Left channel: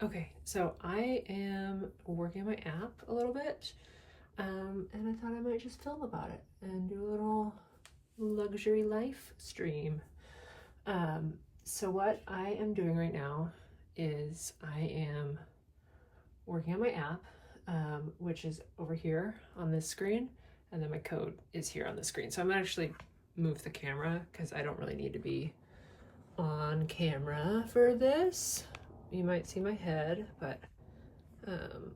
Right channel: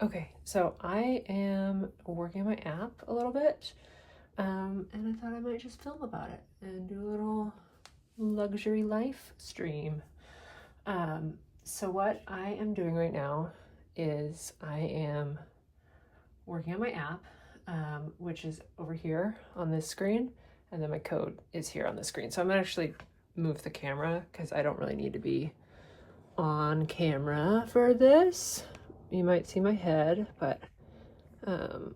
Okay, so I am working on my app a little bit, and I thought I might just film about it and do a little luxury life stream. So what I am doing right now is I am working on my app, which is over here on this screen, and then my code is here on the screen. So I'm gonna actually move the camera because I don't really need to be on camera for this. You might see my head, but you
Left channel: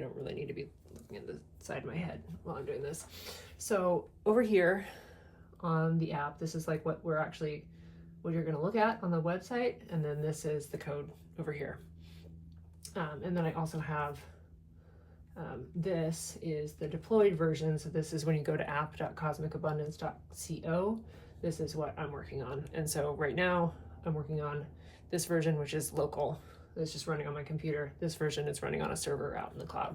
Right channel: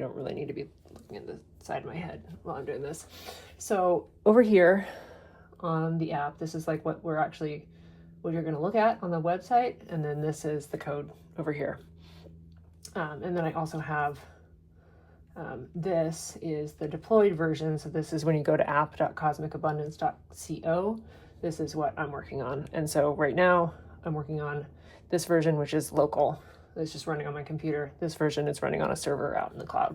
don't really need to be looking at the side of my head while I'm doing this. So over here on the app, this is like what you're going to look at on the website, and then this is the code over here. And then I also have this is the deployed version. So this is when you go to app.cosmicabundance.co. This is what I'm working on. And so right now I'm working on this version, which is local. It's just running on my computer. This version is running on a server out in the cloud.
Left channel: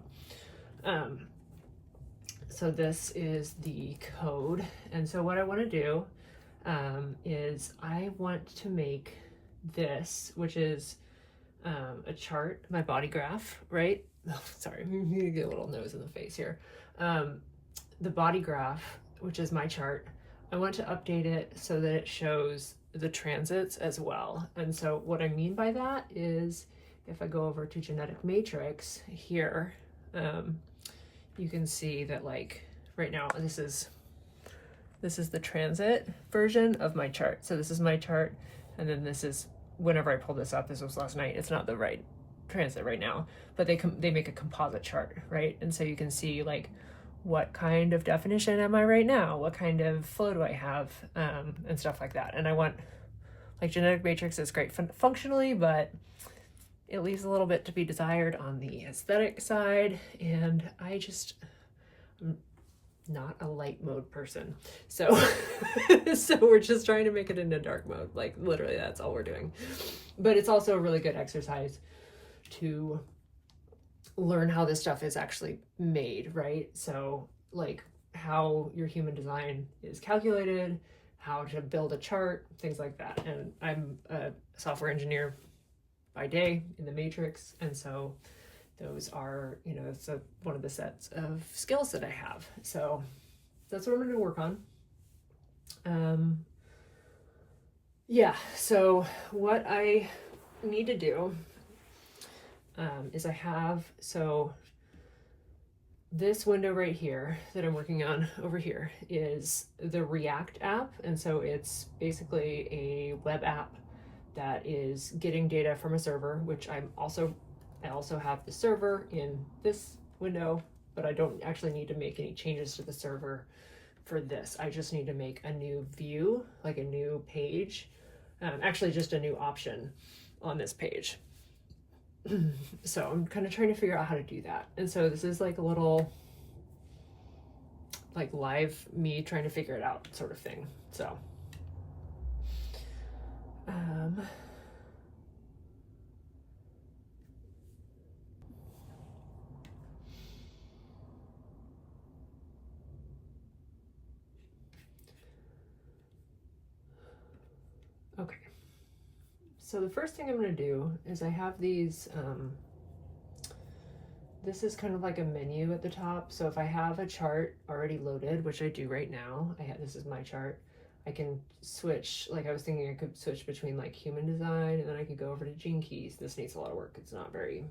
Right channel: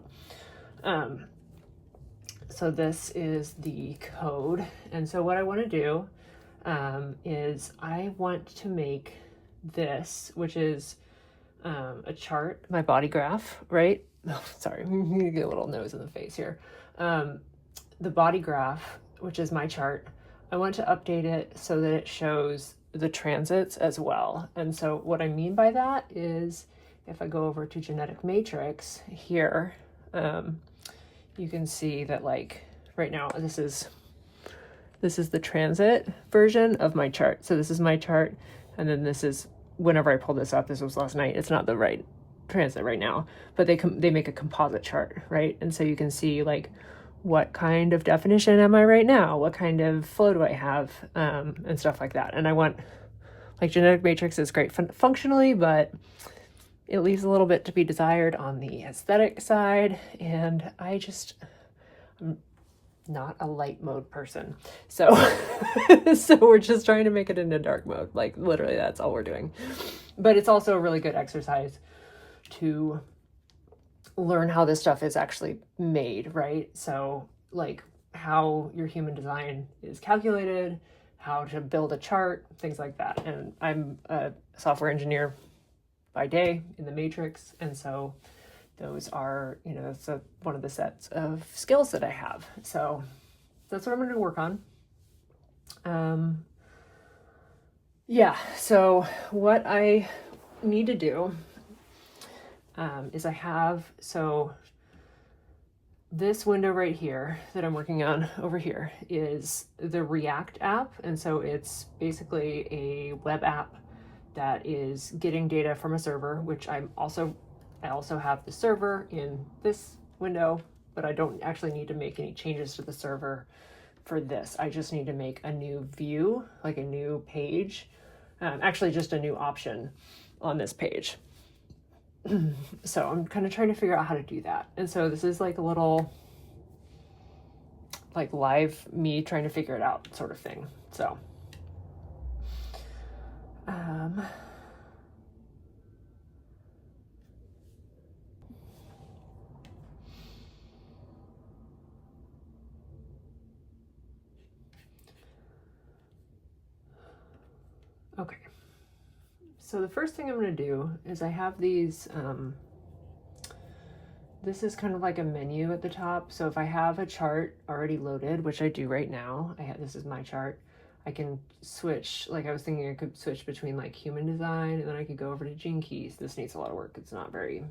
So this is the code. And so what I want to do is I want to make this, which is a chart, my body graph, right? Oh, sorry, I'm gonna get a little nose in the face here. The body graph, which is my chart, I want to update it so that it shows the transits as well. And so what I mean by that is if I go over to genetic matrix here, you can see that like right now, this is the transit version of my chart. So this is my chart. And then this is, whenever I pulled this up, this was last night. It's not the right transit right now, but they make a composite chart, right? And so you can see like, what kind of definition am I right now? What kind of flow do I have? And stuff like that. And I want, like, genetic matrix is great functionally, but it leaves a little bit to be desired on the aesthetic side. And I'm not a light mode person. So, so we're just trying to make it into dark mode. Like literally that's all we're doing. But it's also a really good exercise to learn how this stuff is actually made, right? So like how your human design is calculated, how to build a chart, things like that. And I'm a software engineer by day in the matrix. And so those are, so one of the sets of skills that I have. So that's what I'm going to work on. Yeah, so what I need to do is so this window right here that I'm working on over here is the React app. And so it's basically a web app that is getting data from a server, which I also have the server in this window, but I don't actually need to make any changes to the server for this. I just need to make a new view, like a new page, actually just a new option on this page. So I'm kind of trying to figure out how to do that. And so this is like a little like live me trying to figure it out sort of thing. So okay. So the first thing I'm going to do is I have these, this is kind of like a menu at the top. So if I have a chart already loaded, which I do right now, this is my chart, I can switch, like I was thinking I could switch between like human design, and then I could go over to gene keys. This needs a lot of work. It's not very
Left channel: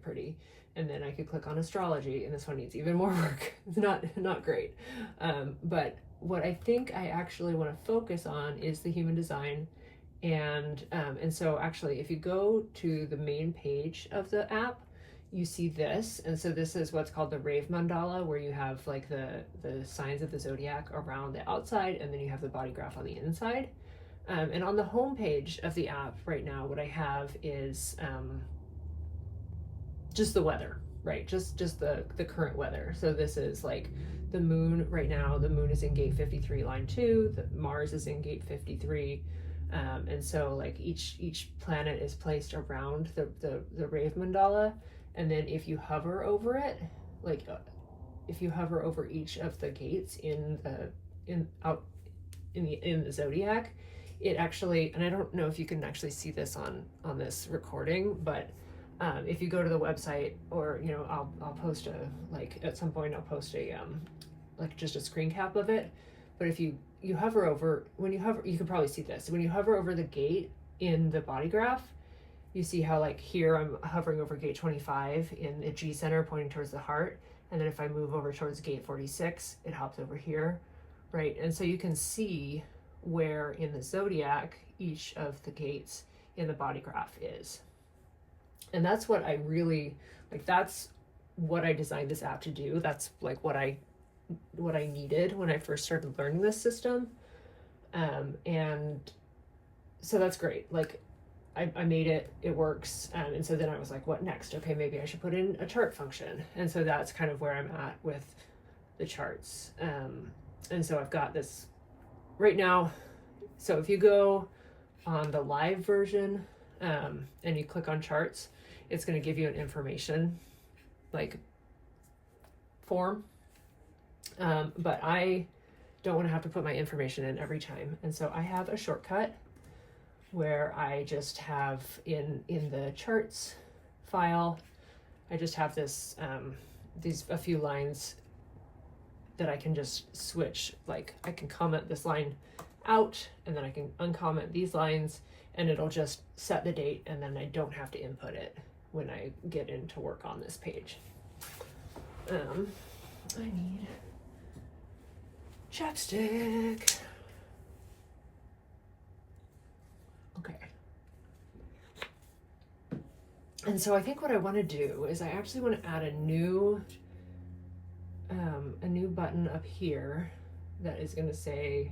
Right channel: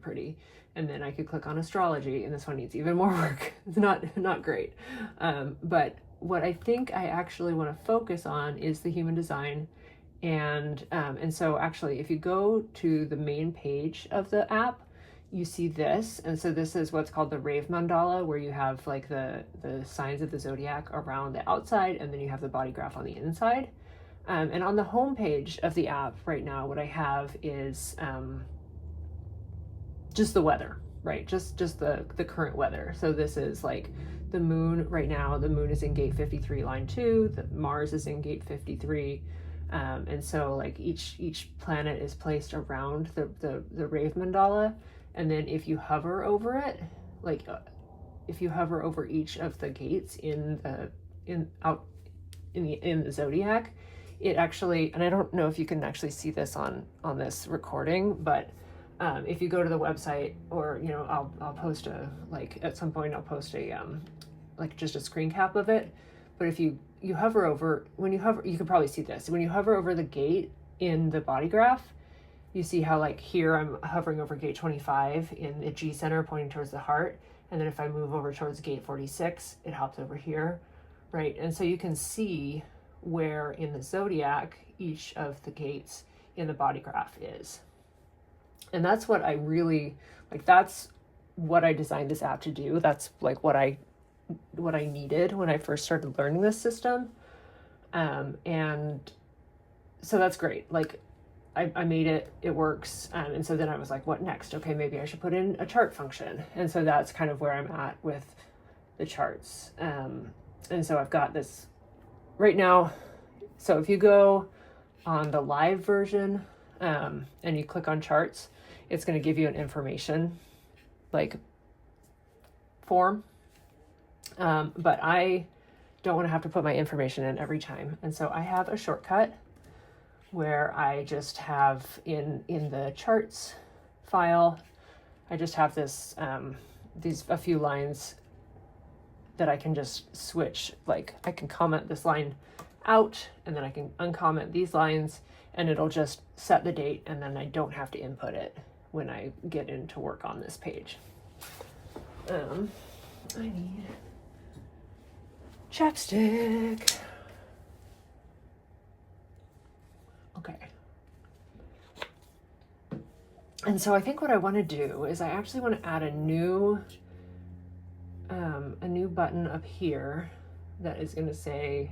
pretty. And then I could click on astrology, and this one needs even more work. It's not great. But what I think I actually want to focus on is the human design. And so actually, if you go to the main page of the app, you see this. And so this is what's called the Rave Mandala, where you have like the signs of the zodiac around the outside, and then you have the body graph on the inside. And on the home page of the app right now, what I have is just the weather, right? Just the current weather. So this is like the moon right now. The moon is in gate 53, line 2. The Mars is in gate 53. And so like each planet is placed around the Rave Mandala. And then if you hover over it, like if you hover over each of the gates in the zodiac, it actually, and I don't know if you can actually see this on this recording, but if you go to the website, or you know, I'll post a, like at some point I'll post a like just a screen cap of it. But if you hover over, when you hover, you can probably see this. When you hover over the gate in the Bodygraph, you see how like here I'm hovering over gate 25 in the G center pointing towards the heart. And then if I move over towards gate 46, it hops over here, right? And so you can see where in the zodiac each of the gates in the Bodygraph is. And that's what I really, like, that's what I designed this app to do. That's like what I needed when I first started learning this system. And so that's great. Like I made it, it works. And so then I was like, what next? Okay, maybe I should put in a chart function. And so that's kind of where I'm at with the charts. And so I've got this right now. So if you go on the live version and you click on charts, it's going to give you an information like form. But I don't want to have to put my information in every time. And so I have a shortcut where I just have in the charts file, I just have this, a few lines that I can just switch. Like I can comment this line out and then I can uncomment these lines and it'll just set the date, and then I don't have to input it when I get into work on this page. I need chapstick. Okay. And so I think what I want to do is I actually want to add a new button up here that is going to say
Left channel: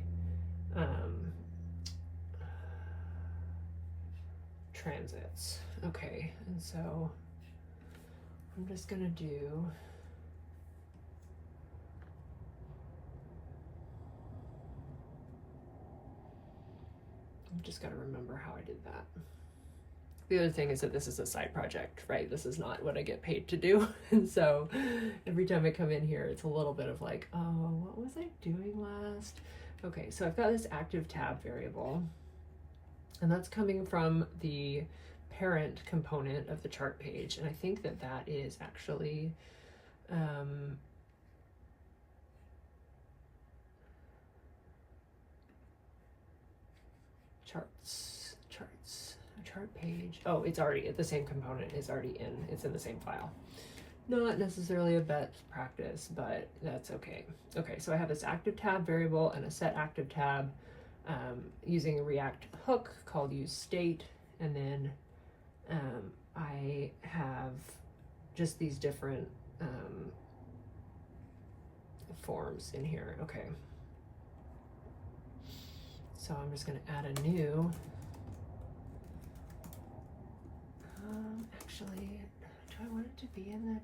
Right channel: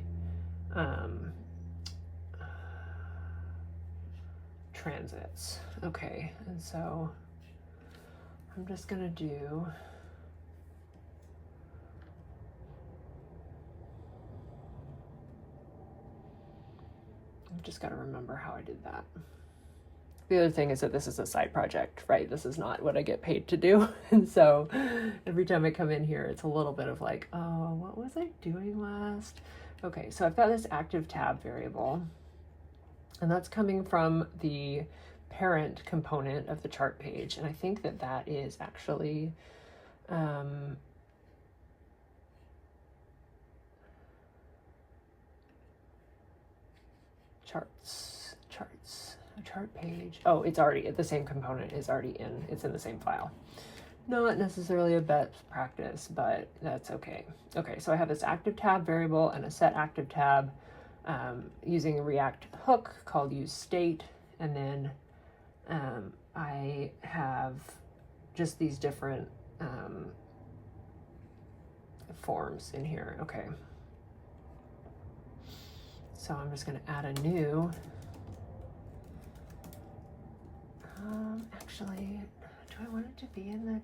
transits. Okay, and so I'm just going to do just got to remember how I did that. The other thing is that this is a side project, right? This is not what I get paid to do. And so every time I come in here, it's a little bit of like, oh, what was I doing last? Okay, so I've got this active tab variable, and that's coming from the parent component of the chart page. And I think that that is actually, chart page. Oh, it's already, the same component is already in, it's in the same file. Not necessarily a best practice, but that's okay. Okay, so I have this active tab variable and a set active tab using a React hook called useState. And then I have just these different forms in here. Okay. So I'm just going to add a new. Actually, do I want it to be in the?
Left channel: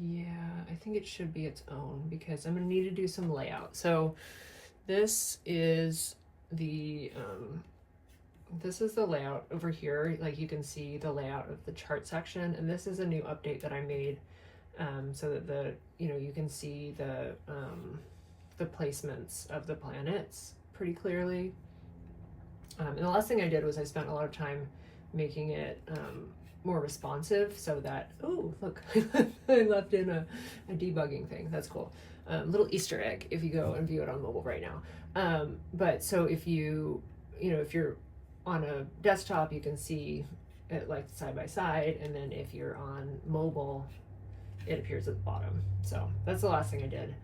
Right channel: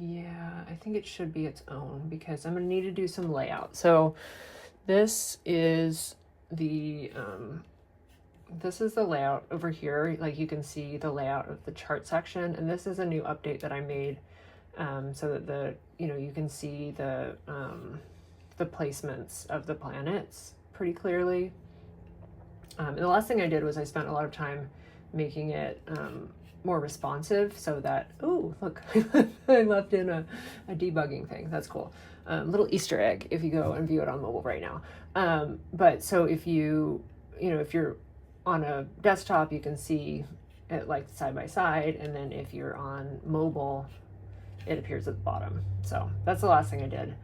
Yeah, I think it should be its own because I'm going to need to do some layout. So this is the layout over here. Like you can see the layout of the chart section, and this is a new update that I made so that you can see the placements of the planets pretty clearly. And the last thing I did was I spent a lot of time making it more responsive so that, oh, look, I left in a debugging thing. That's cool. Little Easter egg if you go and view it on mobile right now. But so if if you're on a desktop, you can see it like side by side. And then if you're on mobile, it appears at the bottom. So that's the last thing I did.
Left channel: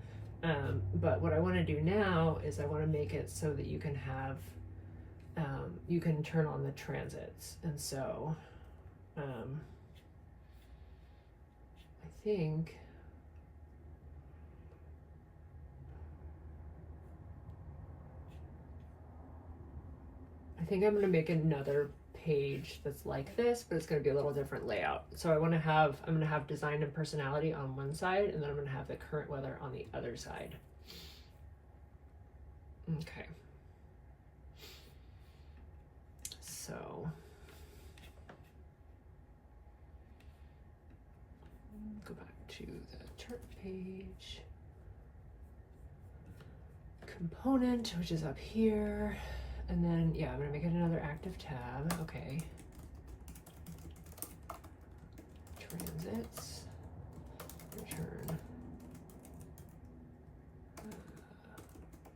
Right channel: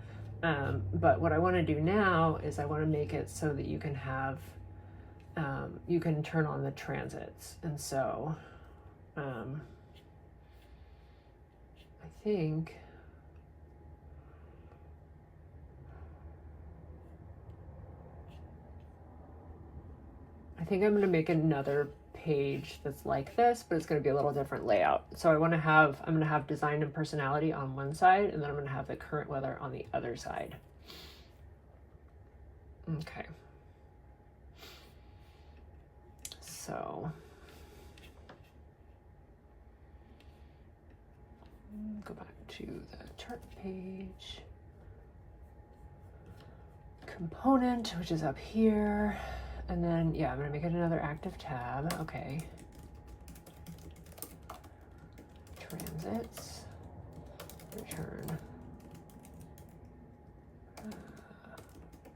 But what I want to do now is I want to make it so that you can have, you can turn on the transits. And so I think I'm going to make another page that's like this, but it's going to be a little different layout. So I'm going to have design and personality on one side, and then I'm going to have the current weather on the other side. Okay. So Go back to the chart page. Component, which is up here. And then, yeah, I'm gonna make it another active tab. Okay. Transits. Return.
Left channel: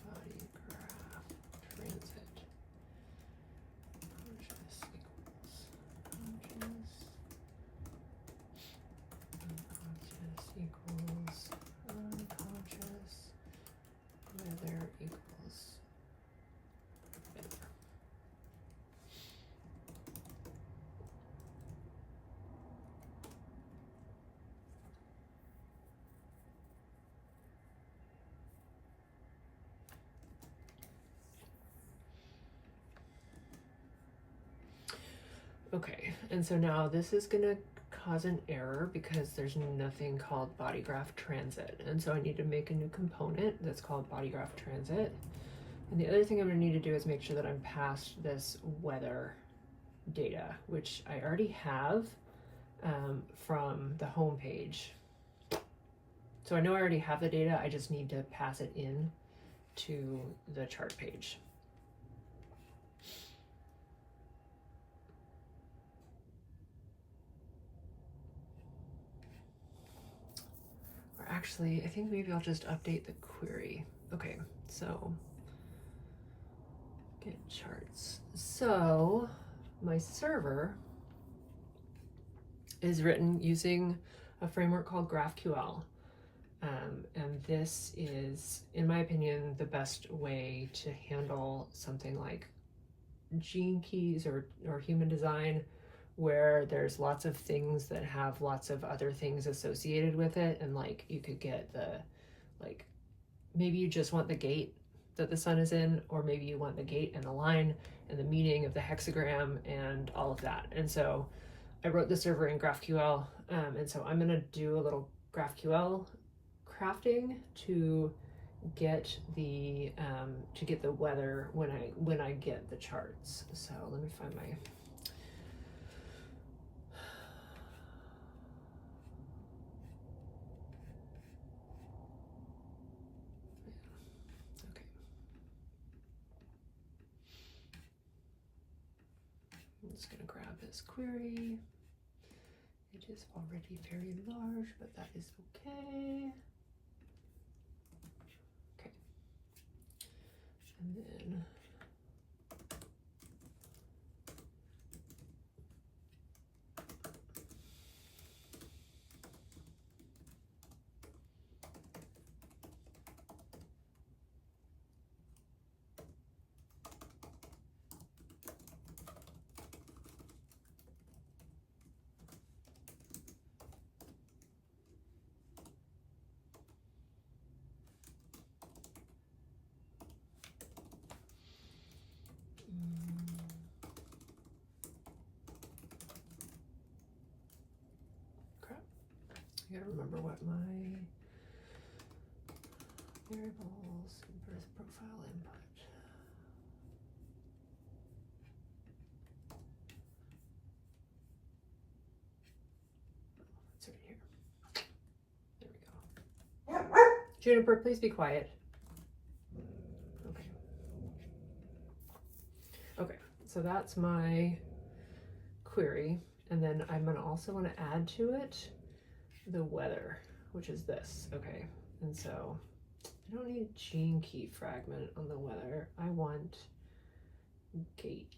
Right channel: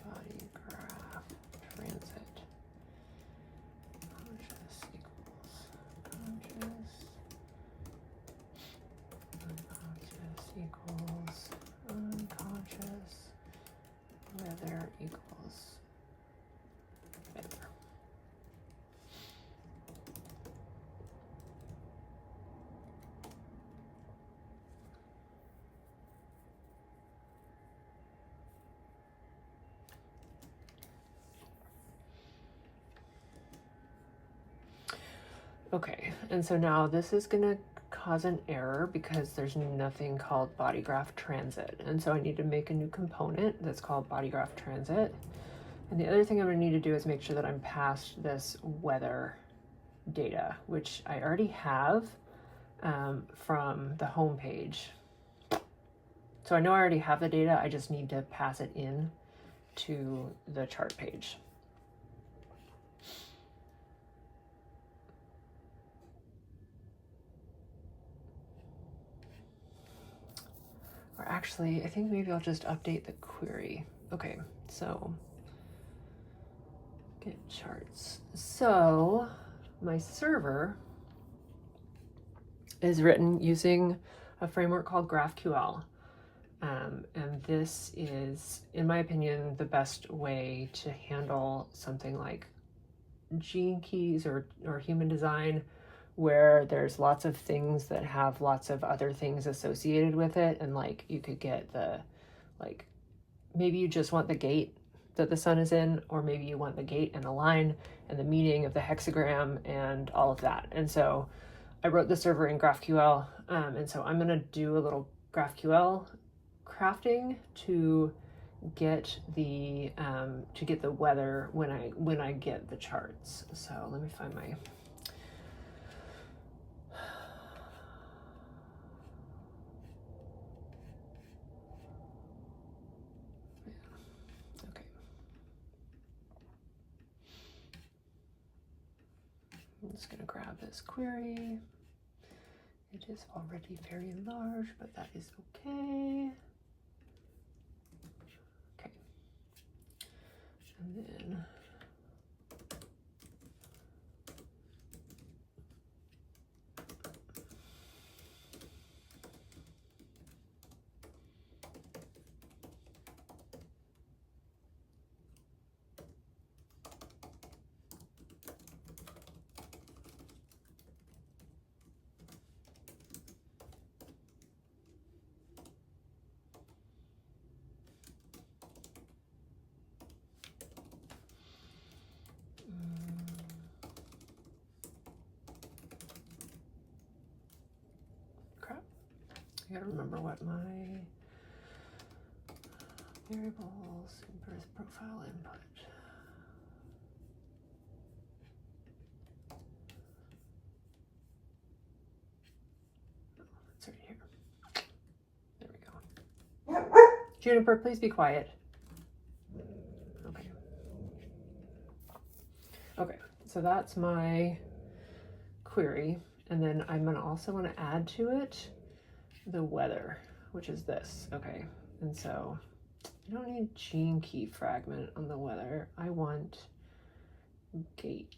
Bodygraph. Transit. Conscious equals unconscious. Weather equals weather. Okay, and so now this is gonna cause an error because there's nothing called Bodygraph Transit. And so I need to make a new component that's called Bodygraph Transit. And the other thing I'm gonna need to do is make sure that I'm past this weather data, which I already have from the home page. So I know I already have the data, I just need to pass it in to the chart page. Or actually, I think maybe I'll just update the query. Okay, so get charts. So my server is written using a framework called GraphQL. And this is, in my opinion, the best way to handle something like gene keys or human design, where there's lots of things that have lots of other things associated with it. And like you could get the, like, maybe you just want the gate that the sun is in, or maybe you want the gate and the line and the meaning of the hexagram and all of that. And so I wrote the server in GraphQL. And so I'm gonna do a little GraphQL crafting to get the weather when I get the charts. So let me find my I'm just going to grab this query. It is already very large, but that is okay. Okay. And then I gotta remember what my variables birth profile input. Oh, it's right here. There we go. Juniper, please be quiet. Okay. Okay, so that's my query. And then I'm gonna also want to add to it the weather, which is this. Okay, and so I don't need gene key fragment on the weather. I want gate.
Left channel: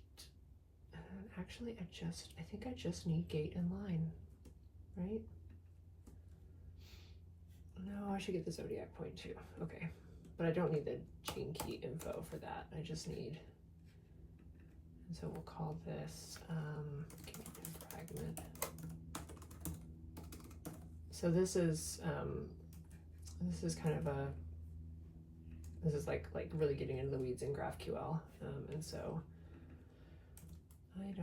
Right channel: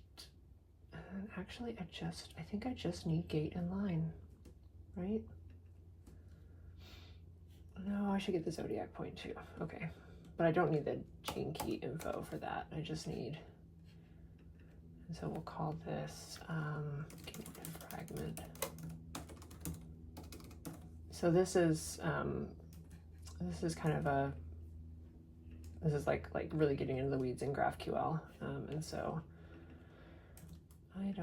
Actually, I think I just need gate and line, right? No, I should get the zodiac point too. Okay, but I don't need the gene key info for that. I just need, and so we'll call this gate fragment. So this is kind of a, this is like really getting into the weeds in GraphQL, and so I'm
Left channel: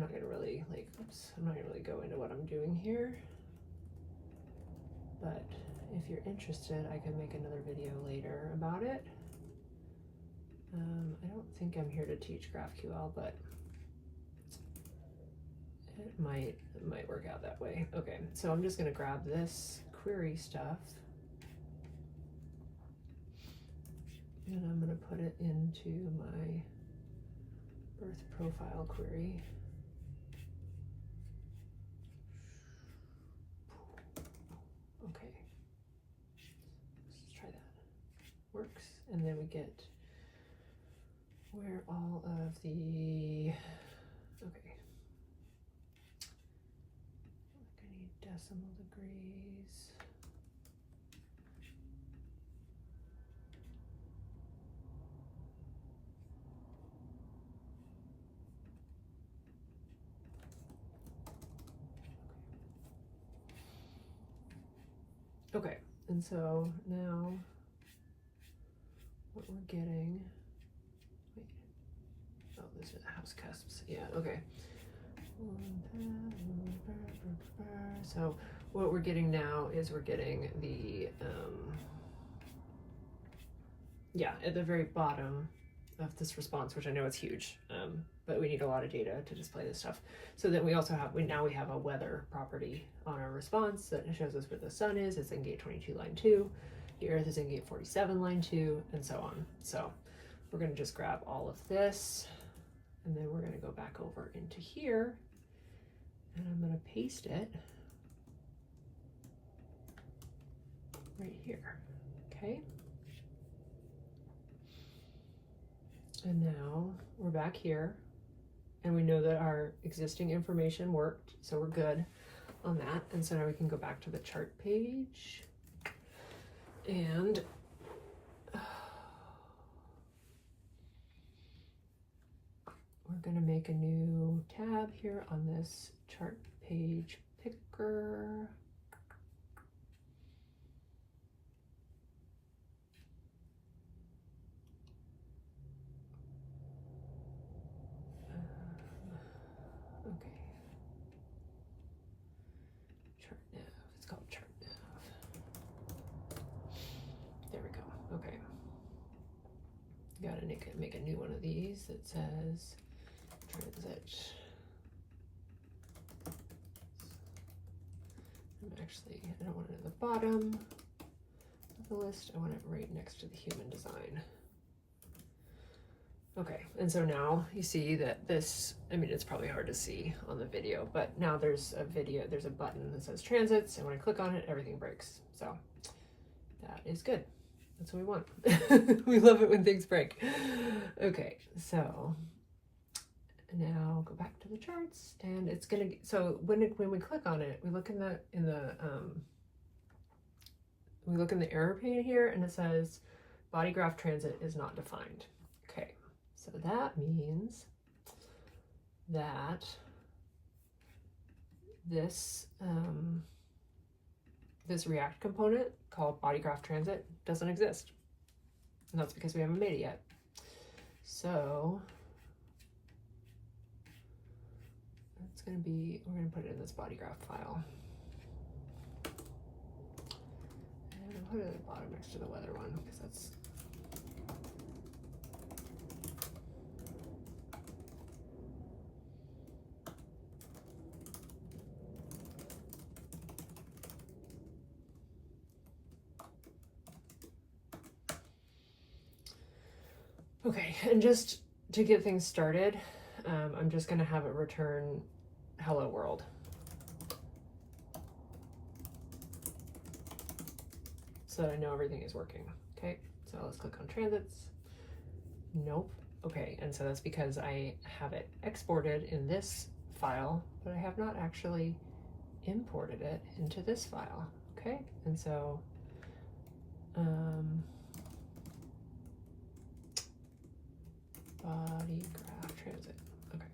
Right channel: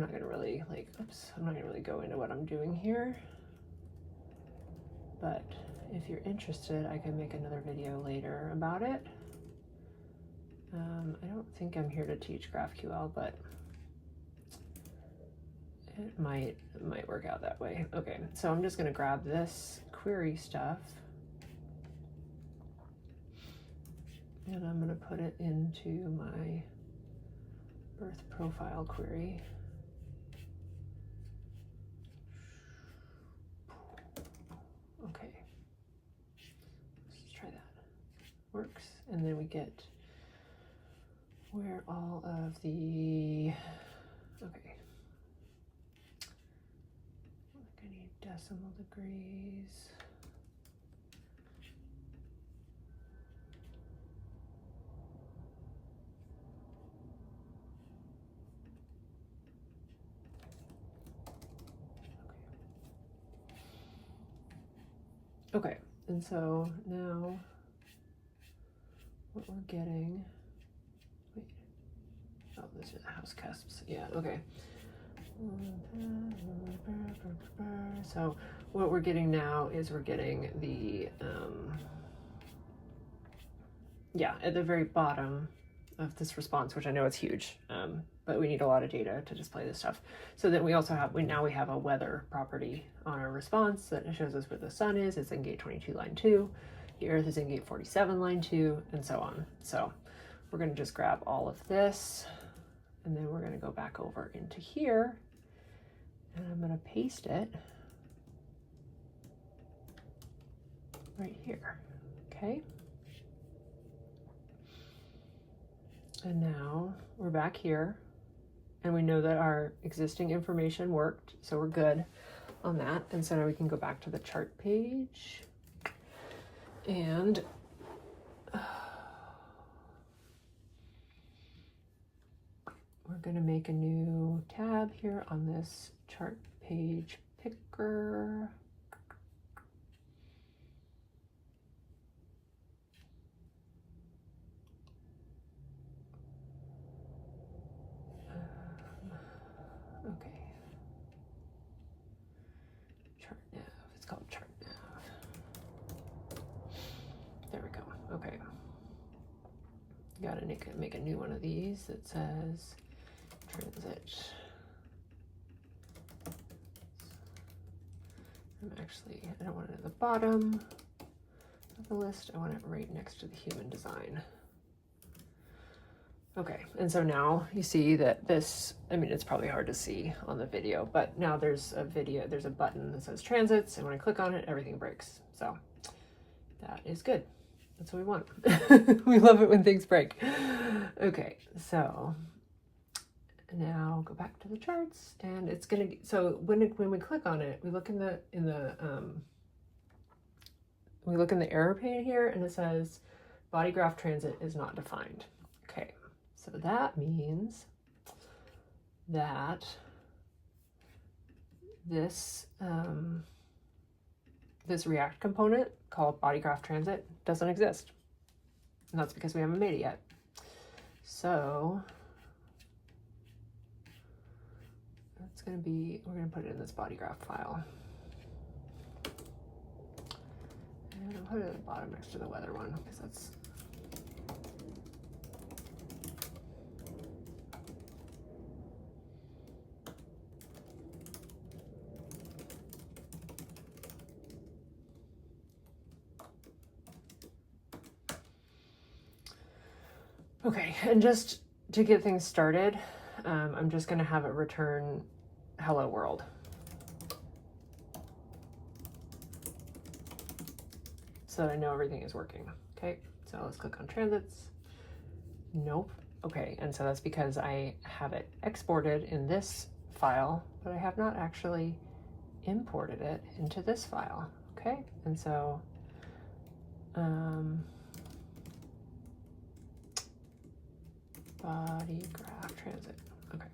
not gonna really I'm not gonna really go into what I'm doing here, but if you're interested, I can make another video later about it. I don't think I'm here to teach GraphQL, but it might work out that way. Okay, so I'm just gonna grab this query stuff and I'm gonna put it into my birth profile query. Okay, let's try that. Works, and then we get where all of the, okay, I need decimal degrees. Okay, and so now what we're getting, wait, oh, those are the house cusps, yeah, okay. So what we're getting now is we're getting the, yeah, at the very bottom of this response, which I know is huge, but we need a lot of data to display this stuff. So then we also have, now we have a weather property on our response that shows us where the sun is. It's in gate 22, line 2. The earth is in gate 47, line 2, and so on. So we're gonna just grab all of this, and then we're gonna go back over into here, and I'm gonna paste it right here, okay? And now we're back here, and we know that our existing information worked, so we're good on that. And so now we can go back to the chart page, and we're gonna make a new tab here on this chart page picker. Okay. Chart nav, it's called chart nav. There we go, okay. Gotta make a new one of these that says transit. I don't want it at the bottom of the list, I want it right next to the human design. Okay, and so now you see that this, I mean, it's probably hard to see on the video, but now there's a button that says transits, and when I click on it, everything breaks. So that is good. That's what we want. We love it when things break. Okay, so now go back to the charts, and it's gonna, so when we click on it, we look in the error pane here, and it says Bodygraph transit is not defined. Okay, so that means that this this React component called Bodygraph transit doesn't exist, and that's because we haven't made it yet. So it's going to be, we're going to put it in this Bodygraph file, and I'll put it at the bottom next to the weather one, because that's okay. And just to get things started, I'm just going to have it return hello world. So that I know everything is working. Okay, so let's click on transits. Nope. Okay, and so that's because I have it exported in this file, but I have not actually imported it into this file. Okay, and so Bodygraph transit. Okay.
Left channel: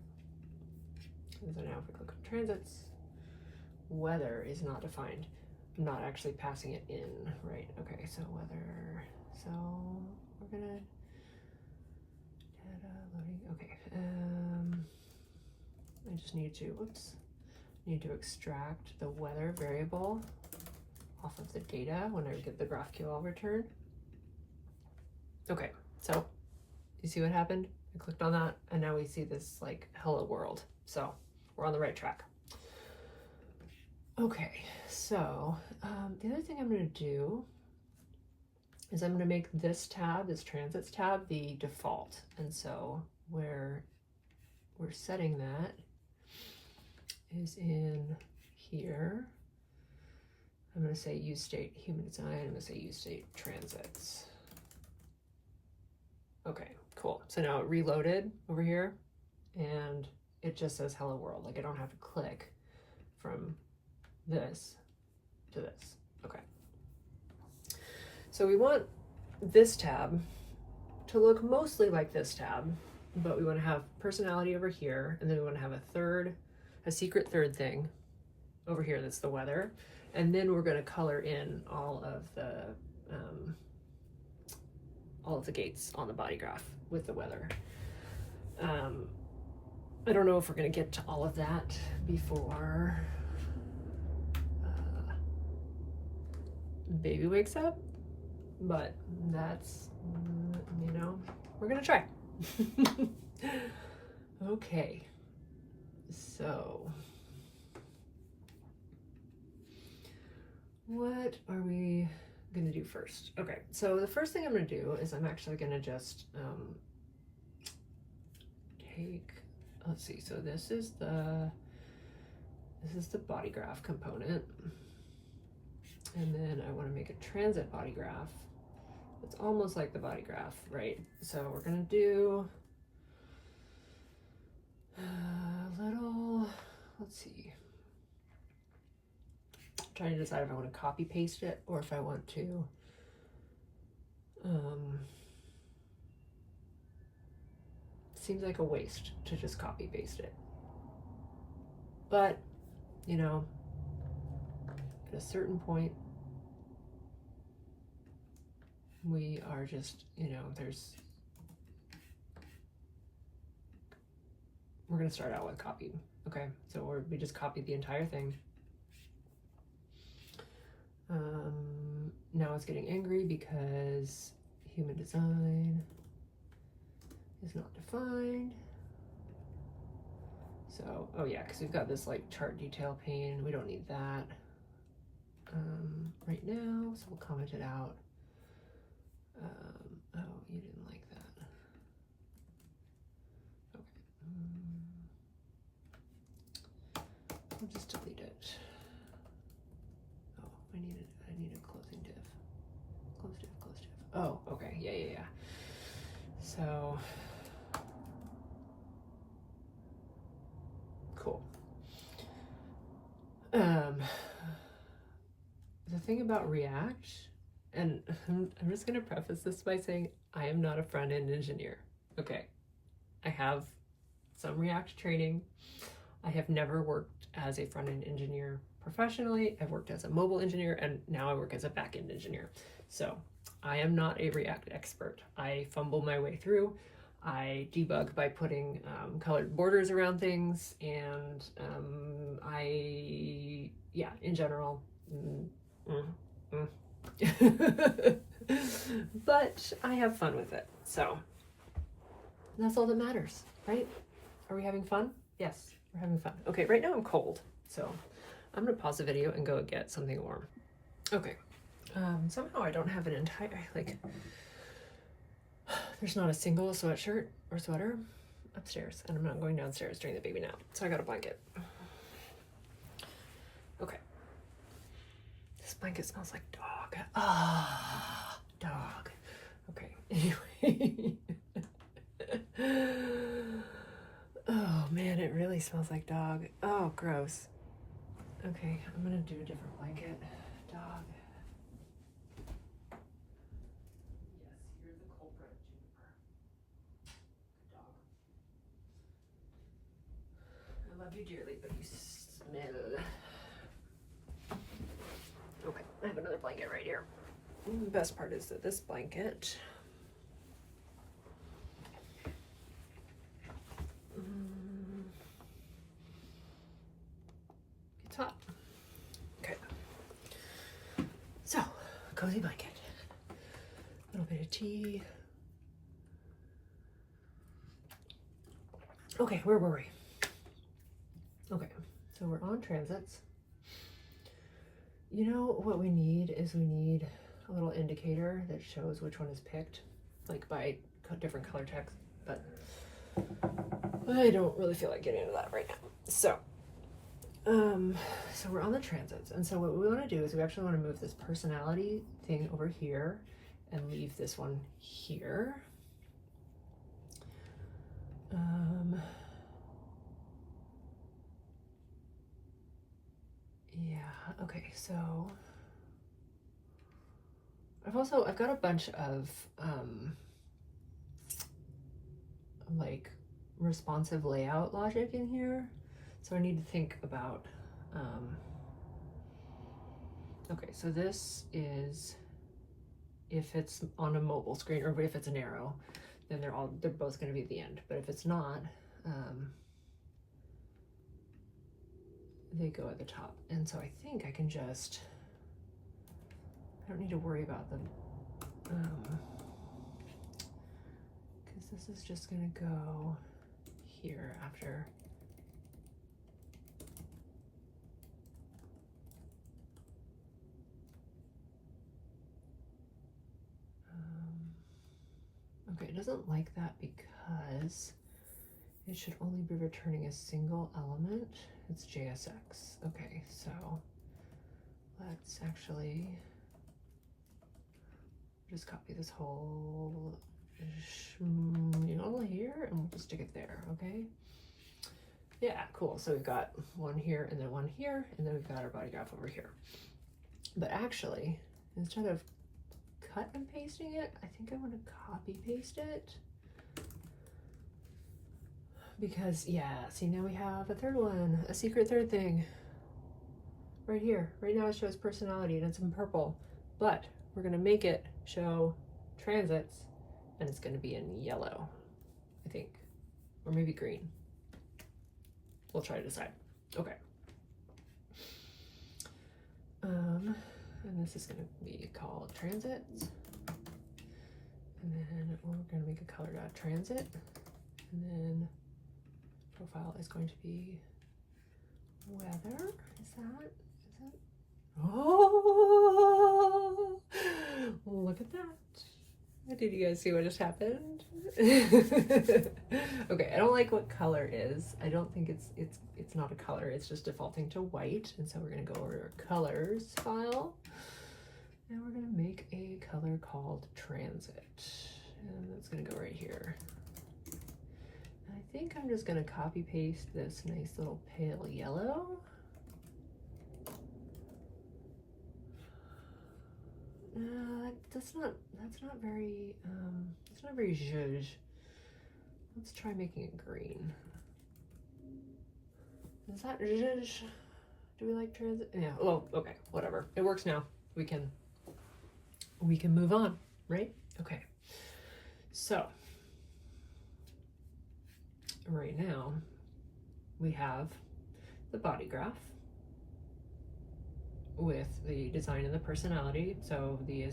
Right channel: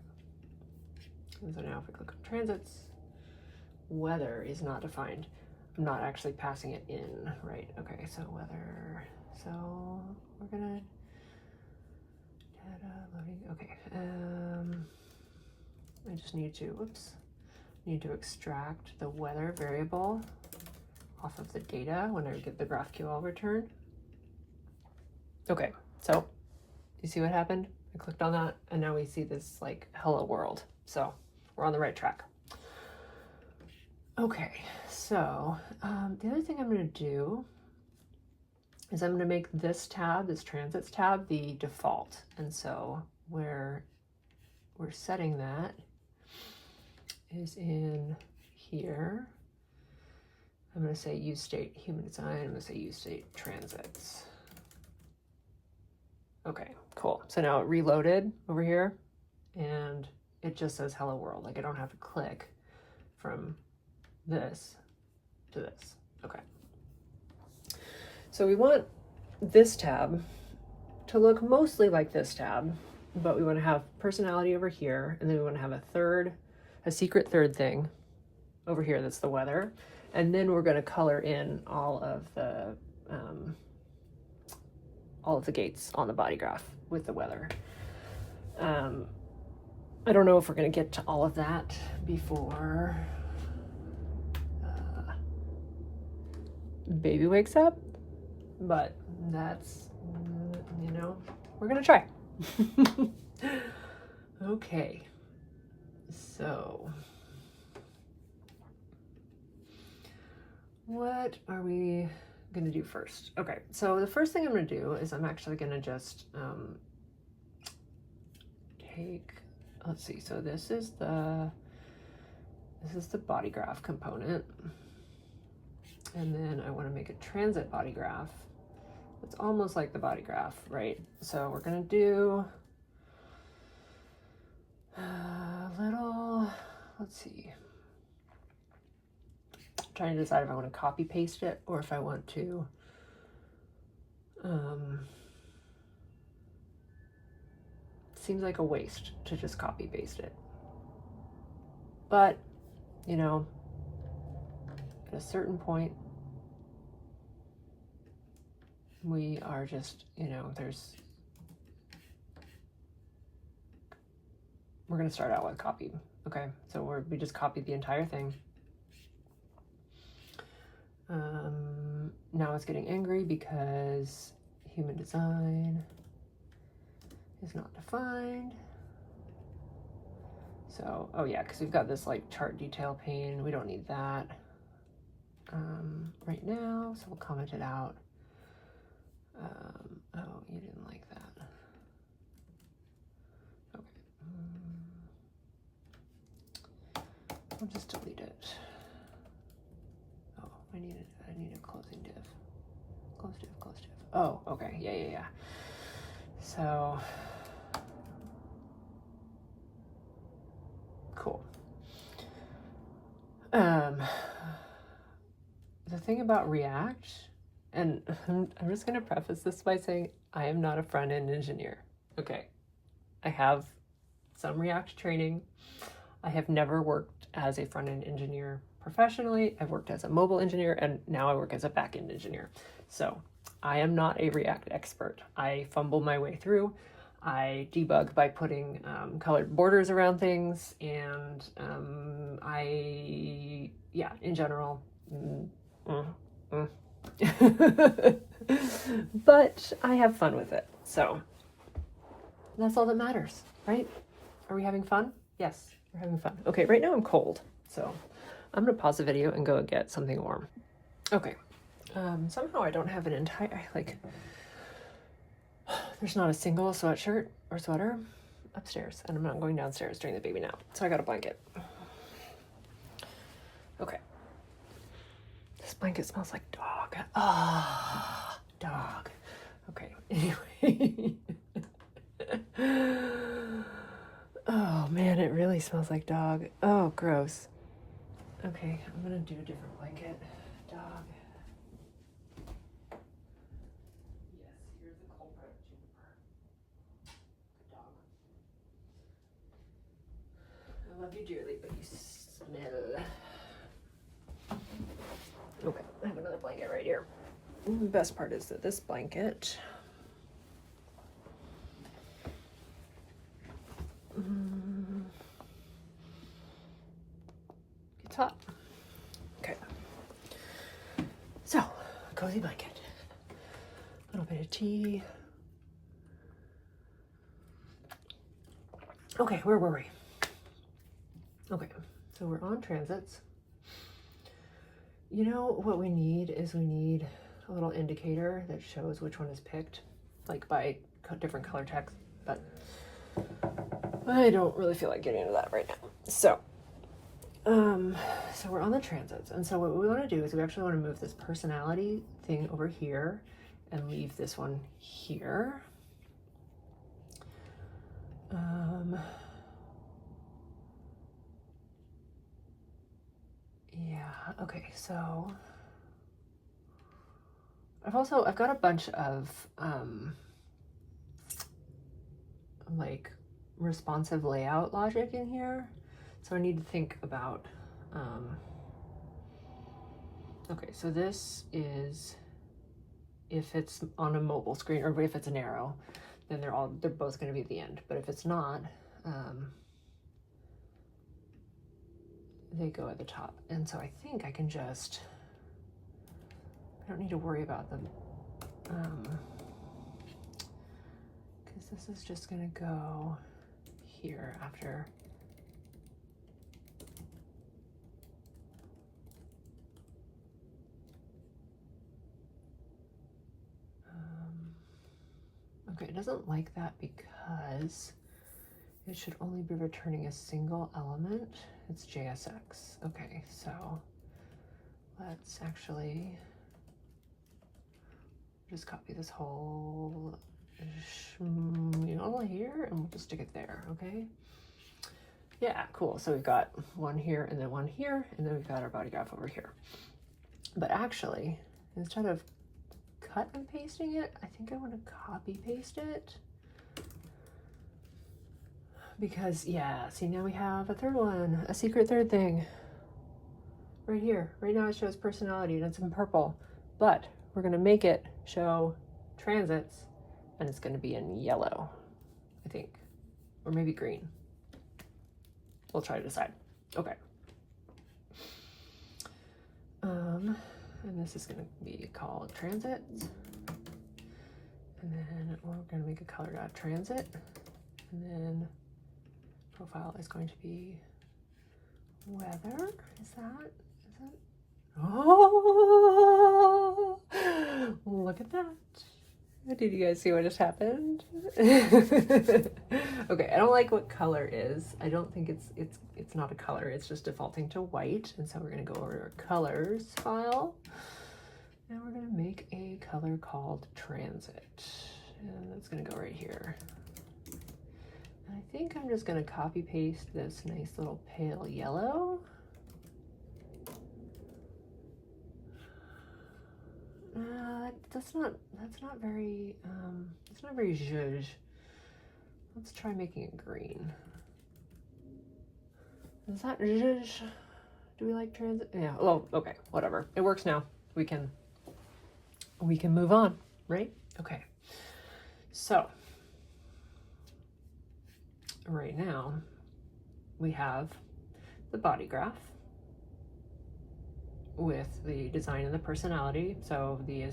And so now if we click on transits, weather is not defined. I'm not actually passing it in, right? Okay, so weather. So we're gonna data loading. Okay. I just need to extract the weather variable off of the data when I get the GraphQL return. Okay, so you see what happened? I clicked on that, and now we see this like hello world. So we're on the right track. Okay, so the other thing I'm going to do is I'm going to make this tab, this transits tab, the default. And so where we're setting that is in here. I'm going to say use state human design. I'm going to say use state transits. Okay, cool. So now it reloaded over here and it just says hello world. Like I don't have to click from this to this. Okay. So we want this tab to look mostly like this tab, but we want to have personality over here, and then we want to have a secret third thing over here that's the weather, and then we're going to color in all of the gates on the body graph with the weather. I don't know if we're going to get to all of that before baby wakes up, but that's, you know, we're going to try. Okay, so what are we going to do first? Okay, so the first thing I'm going to do is I'm actually going to just take, let's see, so this is the body graph component, and then I want to make a transit body graph. It's almost like the body graph, right? So we're going to do a little, let's see, I'm trying to decide if I want to copy paste it or if I want to seems like a waste to just copy paste it, but you know, at a certain point we are just, you know, we're going to start out with copy. Okay, so we just copied the entire thing. Now it's getting angry because human design is not defined. So, oh yeah, because we've got this like chart detail pane. We don't need that right now, so we'll comment it out. Oh, you didn't like that. Okay. I'll just delete it. Oh, I need a closing div. Close div, close div. Oh, okay, yeah. So, cool. The thing about React, and I'm just going to preface this by saying I am not a front-end engineer. Okay, I have some React training. I have never worked as a front-end engineer professionally. I've worked as a mobile engineer, and now I work as a back-end engineer. So I am not a React expert. I fumble my way through. I debug by putting colored borders around things, and in general, but I have fun with it. So that's all that matters, right? Are we having fun? Yes, we're having fun. Okay, right now I'm cold, so I'm gonna pause the video and go get something warm. Okay, somehow I don't have an entire, there's not a single sweatshirt or sweater upstairs, and I'm not going downstairs during the baby nap, so I got a blanket. Okay. This blanket smells like dog. Ah, dog. Okay, anyway. Oh man, it really smells like dog. Oh, gross. Okay, I'm gonna do a different blanket. Dog. Yes, here's the culprit, Juniper. Dog. I love you dearly, but you smell. Okay, I have another blanket right here. The best part is that this blanket it's hot. Okay. So, cozy blanket. A little bit of tea. Okay, where were we? Okay, so we're on transits. you know what we need is we need a little indicator that shows which one is picked, like by different color text, but I don't really feel like getting into that right now. So we're on the transits, and so what we want to do is we actually want to move this personality thing over here and leave this one here. Yeah, okay, so I've got a bunch of like responsive layout logic in here, so I need to think about okay, so this is if it's on a mobile screen, or if it's an arrow, then they're both going to be at the end. But if it's not, they go at the top. And so I think I can just, I don't need to worry about them, because this is just going to go here after. Okay, it doesn't like that because it should only be returning a single element. It's JSX. Okay, so let's actually just copy this whole here and we'll just stick it there, okay? Yeah, cool. So we've got one here and then one here, and then we've got our body graph over here. But actually, instead of cut and pasting it, I think I want to copy paste it. Because, yeah, see, now we have a third one, a secret third thing. Right here. Right now it shows personality and it's in purple. But we're going to make it show transits, and it's going to be in yellow, I think. Or maybe green. We'll try to decide. Okay. And this is going to be called transits. And then we're going to make a color dot transit. And then profile is going to be weather. Is that? Oh, look at that. Did you guys see what just happened? Okay, I don't like what color is. I don't think it's not a color, it's just defaulting to white. And so we're gonna go over to our colors file. And we're gonna make a color called transit. And that's gonna go right here. And I think I'm just gonna copy paste this nice little pale yellow. That's not very zhuzh. Let's try making it green. Is that zhuzh? Do we like transit? Yeah, well, okay, whatever. It works now. We can move on, right? Okay. So, right now, we have the body graph with the design and the personality, so the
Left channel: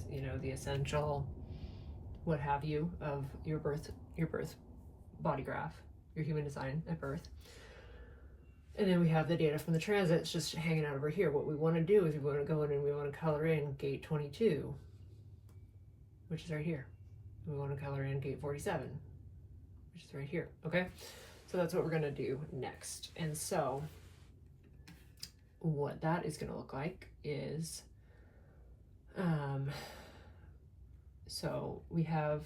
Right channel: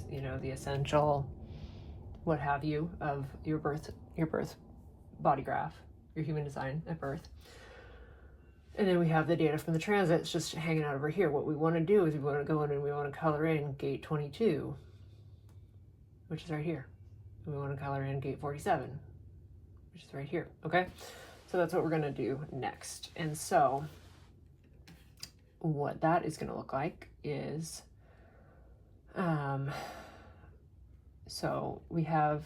essential what have you of your birth body graph, your human design at birth. And then we have the data from the transits just hanging out over here. What we want to do is we want to go in and we want to color in gate 22, which is right here. And we want to color in gate 47, which is right here. Okay, so that's what we're going to do next. And so what that is going to look like is, so we have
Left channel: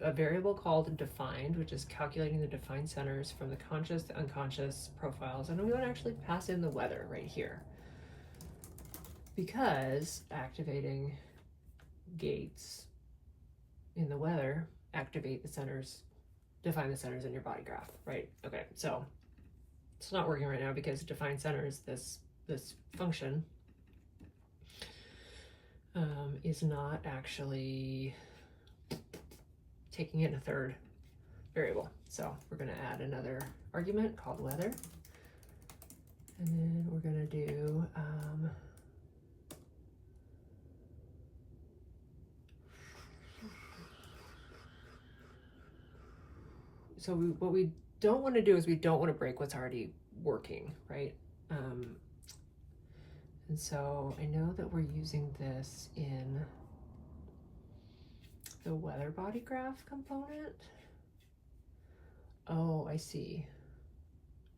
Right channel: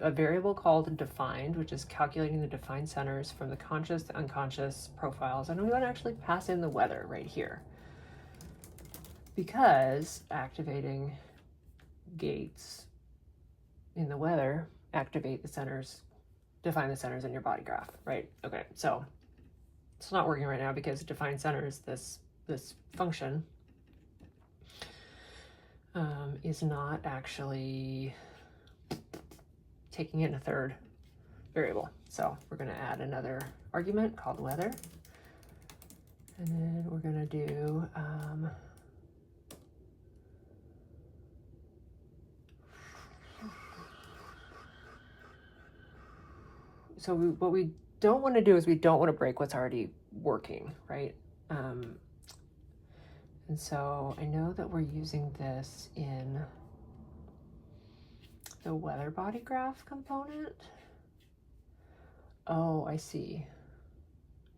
a variable called defined, which is calculating the defined centers from the conscious to unconscious profiles, and we want to actually pass in the weather right here, because activating gates in the weather activate the centers, define the centers in your body graph, right? Okay, so it's not working right now because define centers, this function is not actually taking in a third variable. So we're going to add another argument called weather, and then we're going to do so what we don't want to do is we don't want to break what's already working, right? And And so I know that we're using this in the weather body graph component. Oh, I see.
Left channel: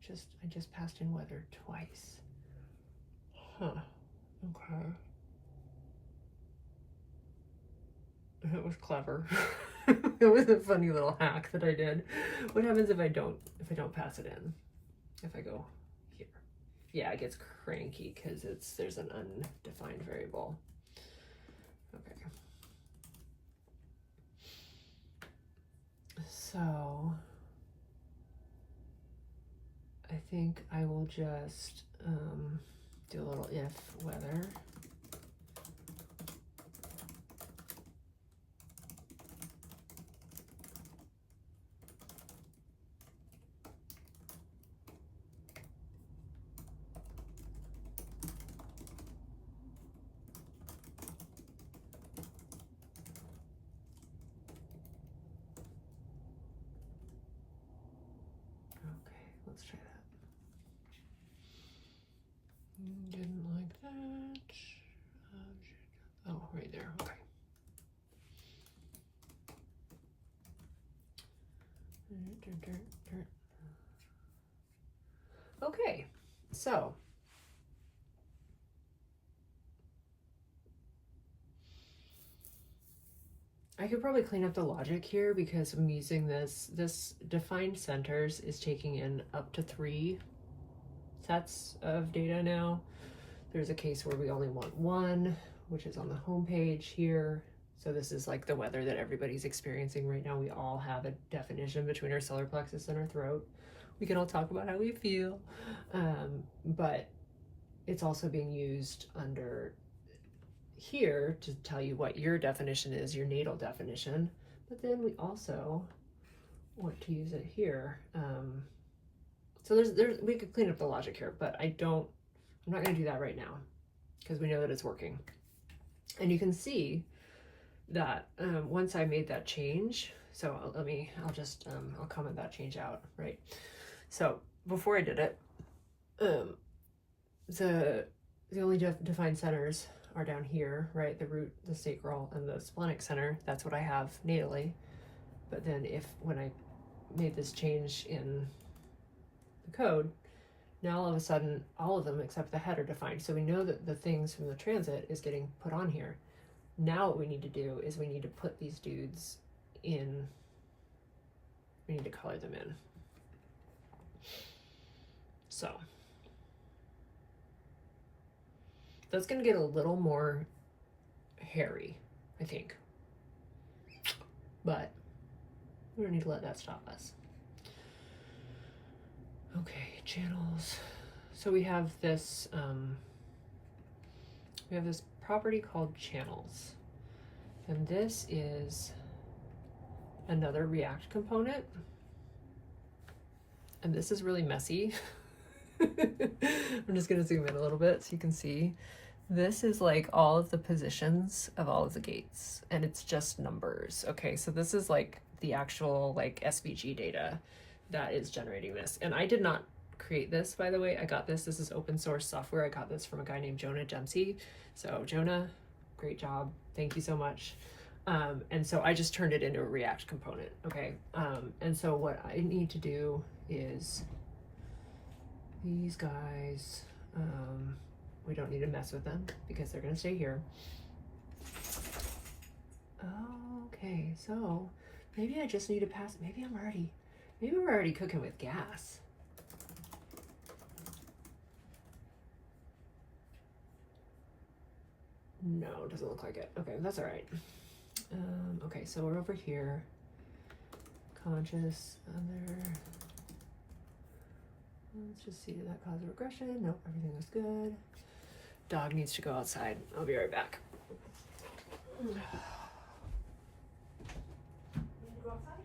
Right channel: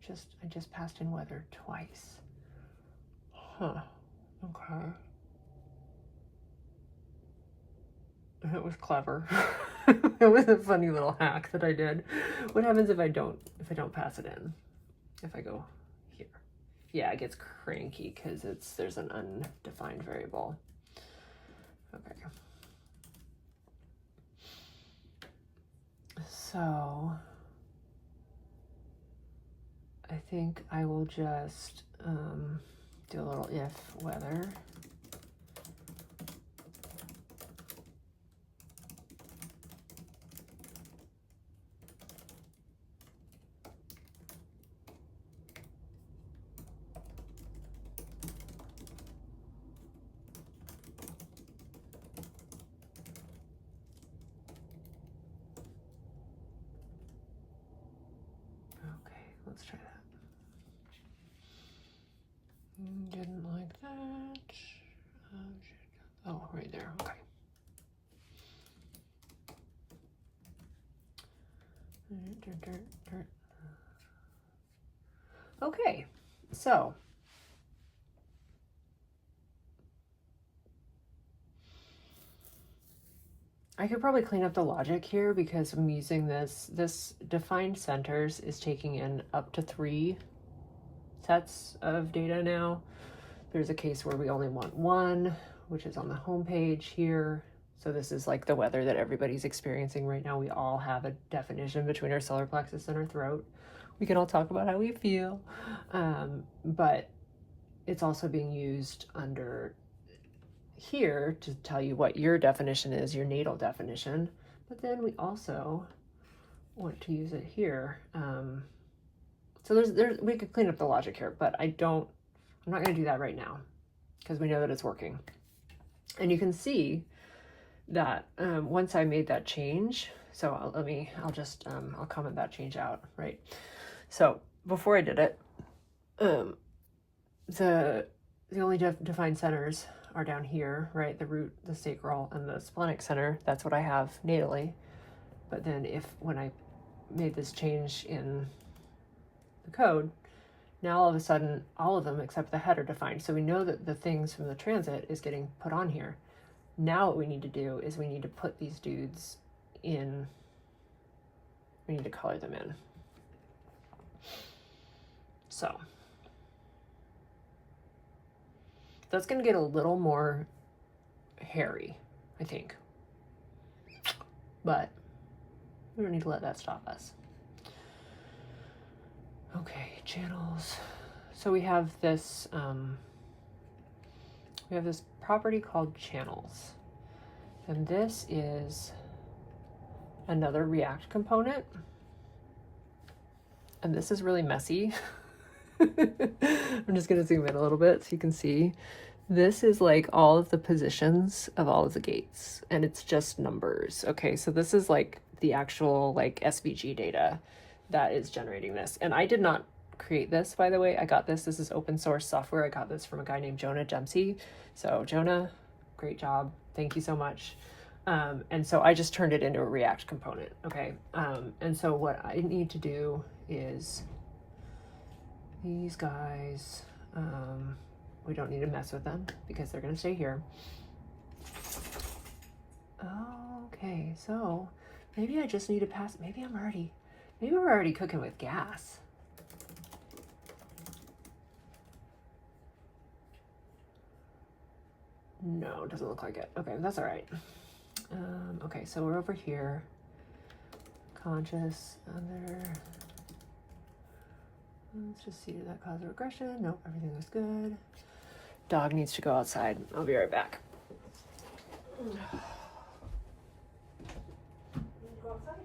I just passed in weather twice. Huh. Okay. It was clever. It was a funny little hack that I did. What happens if I don't pass it in? If I go here? Yeah, it gets cranky because there's an undefined variable. Okay. So I think I will just do a little if weather. Let's try that. Didn't like that. Oh, right there. Okay. Okay, so I could probably clean up the logic here because I'm using this defined centers is taking in up to 3 sets of data now. There's a case where we only want 1, which is on the home page here. So this is like the weather that everybody's experiencing right now. We all have a definition between our solar plexus and our throat. We can all talk about how we feel, but it's also being used under here to tell you what your definition is, your natal definition. But then we also want to use it here. So we could clean up the logic here, but I'm not going to do that right now because we know that it's working. And you can see that once I made that change, so I'll comment that change out, right? So before I did it, the only defined centers are down here, right? The root, the sacral, and the splenic center. That's what I have natally. But then when I made this change in the code, now all of a sudden, all of them except the head are defined. So we know that the things from the transit is getting put on here. Now what we need to do is we need to put these dudes in, we need to color them in. So that's going to get a little more hairy, I think. But we don't need to let that stop us. Okay, channels. So we have this property called channels. And this is another React component. And this is really messy. I'm just going to zoom in a little bit so you can see. This is like all of the positions of all of the gates, and it's just numbers. Okay, so this is like the actual like SVG data that is generating this. And I did not create this, by the way. I got this. This is open source software. I got this from a guy named Jonah Dempsey. So Jonah, great job. Thank you so much. And so I just turned it into a React component. Okay. And so what I need to do is these guys, we don't need to mess with them because they're going to stay here. Okay, so maybe I just need to pass. Maybe we're already cooking with gas. No, it doesn't look like it. Okay, that's all right. Okay, so we're over here. Conscious, under. Let's just see, did that cause a regression? Nope, everything was good. Dog needs to go outside. I'll be right back. You need to go outside?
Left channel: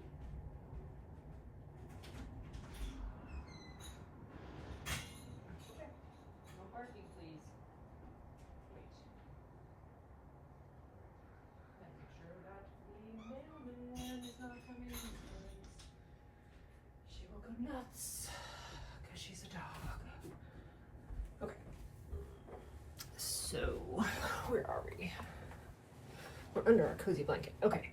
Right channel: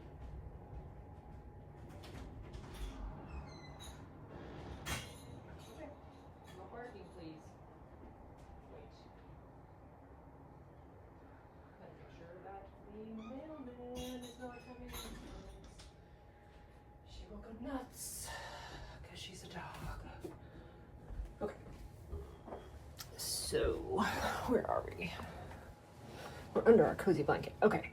Okay. No barking, please. Wait. Gotta make sure that the mailman is not coming. She will go nuts because she's a dog. Okay. we're under our cozy blanket. Okay.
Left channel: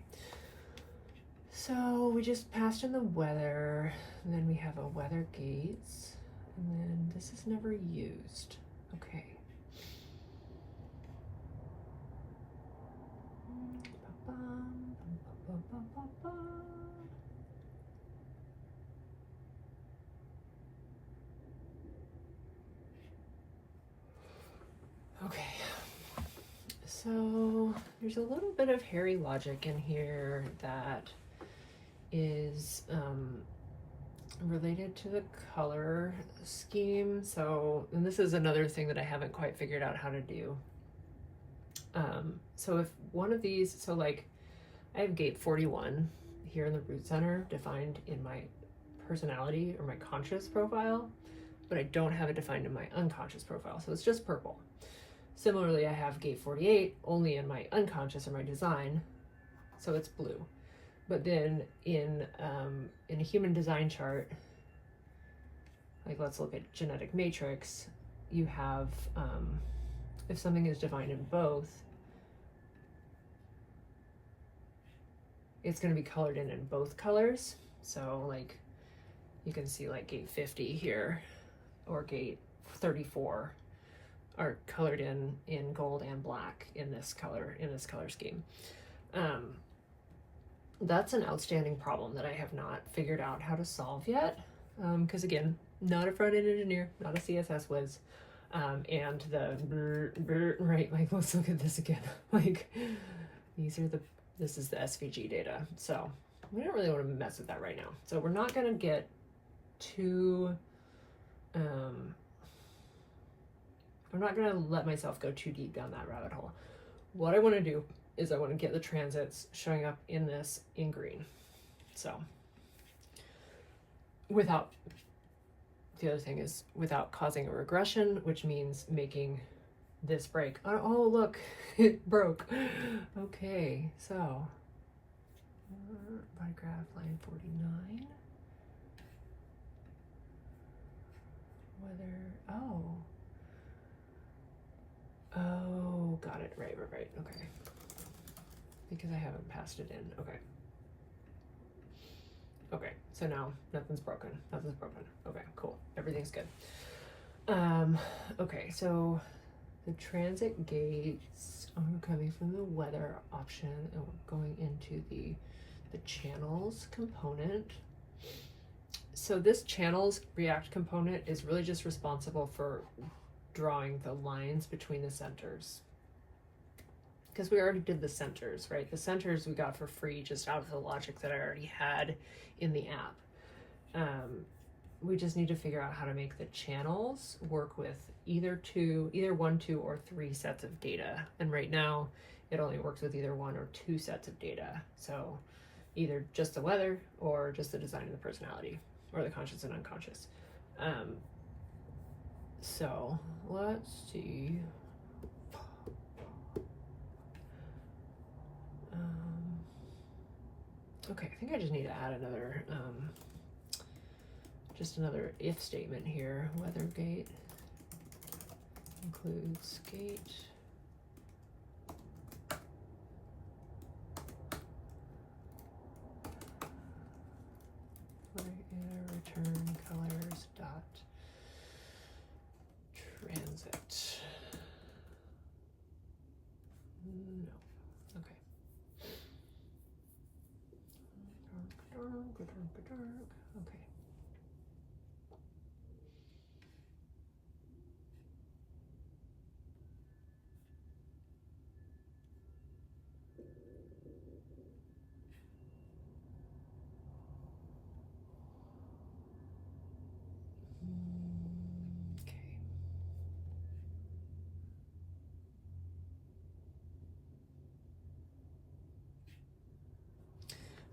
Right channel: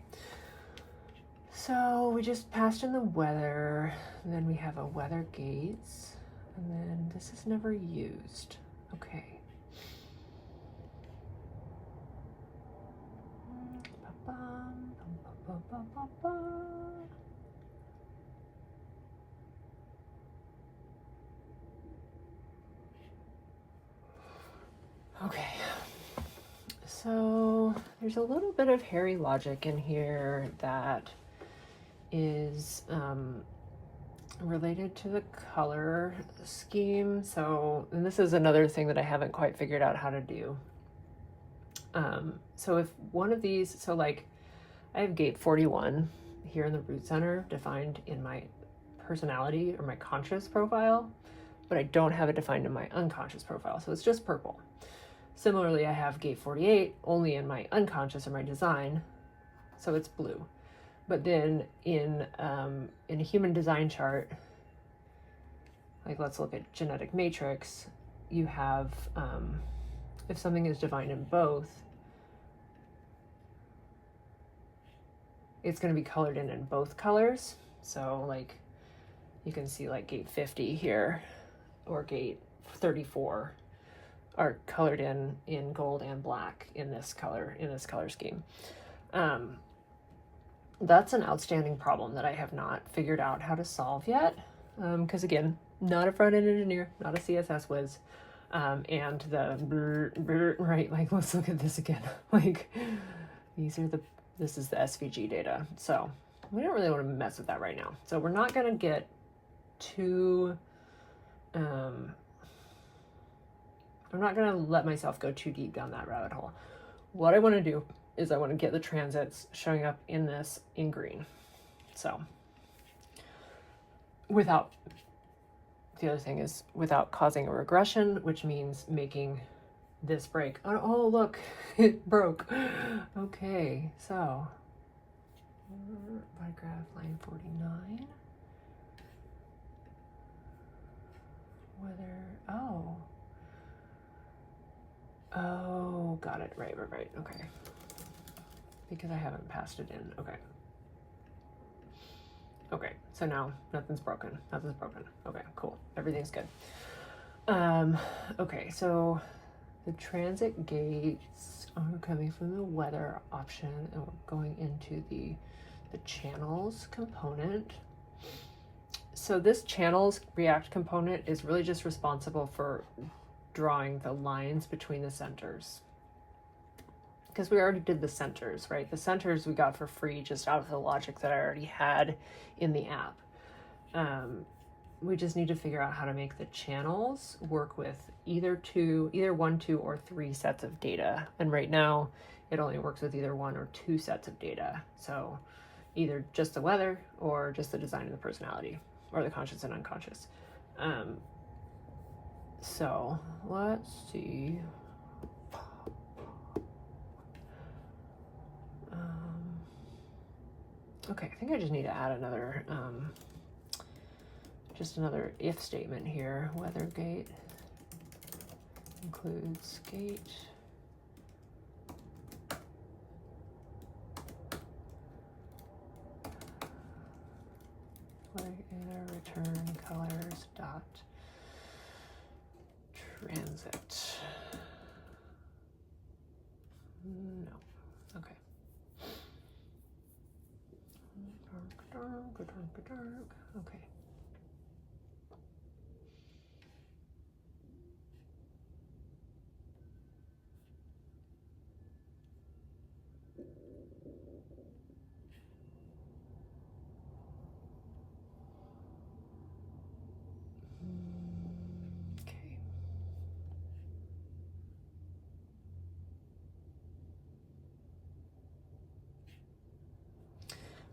So we just passed in the weather, and then we have a weather gates, and then this is never used. Okay. Okay. So there's a little bit of hairy logic in here that is related to the color scheme. So, and this is another thing that I haven't quite figured out how to do. So if one of these, so like I have gate 41 here in the root center defined in my personality or my conscious profile, but I don't have it defined in my unconscious profile. So it's just purple. Similarly, I have gate 48 only in my unconscious or my design, so it's blue. But then in a human design chart, like let's look at genetic matrix, you have, if something is defined in both, it's going to be colored in both colors. So like you can see like gate 50 here or gate 34 are colored in gold and black in this color scheme. That's an outstanding problem that I have not figured out how to solve yet. Because again, not a front-end engineer, not a CSS whiz. And the right, like let's look at this again. Like this is the SVG data. So we don't really want to mess with that right now. So we're not gonna get too I'm not going to let myself go too deep down that rabbit hole. What I want to do is I want to get the transits showing up in this in green. So without, the other thing is without causing a regression, which means making this break. Oh, look, it broke. Okay, so Bodygraph line 49. Oh, got it. Right. Okay. Because I haven't passed it in. Okay, so now nothing's broken. Okay, cool. Everything's good. Okay, so the transit gates are coming from the weather option, and we're going into the channels component. So this channels React component is really just responsible for drawing the lines between the centers. Because we already did the centers, right? The centers we got for free just out of the logic that I already had in the app. We just need to figure out how to make the channels work with either 1, 2, or 3 sets of data. And right now it only works with either 1 or 2 sets of data. So either just the weather or just the design and the personality, or the conscious and unconscious. So let's see. Okay, I think I just need to add another, just another if statement here. Weather gate includes gate. Return colors dot transit. No. Okay. Dark. Okay.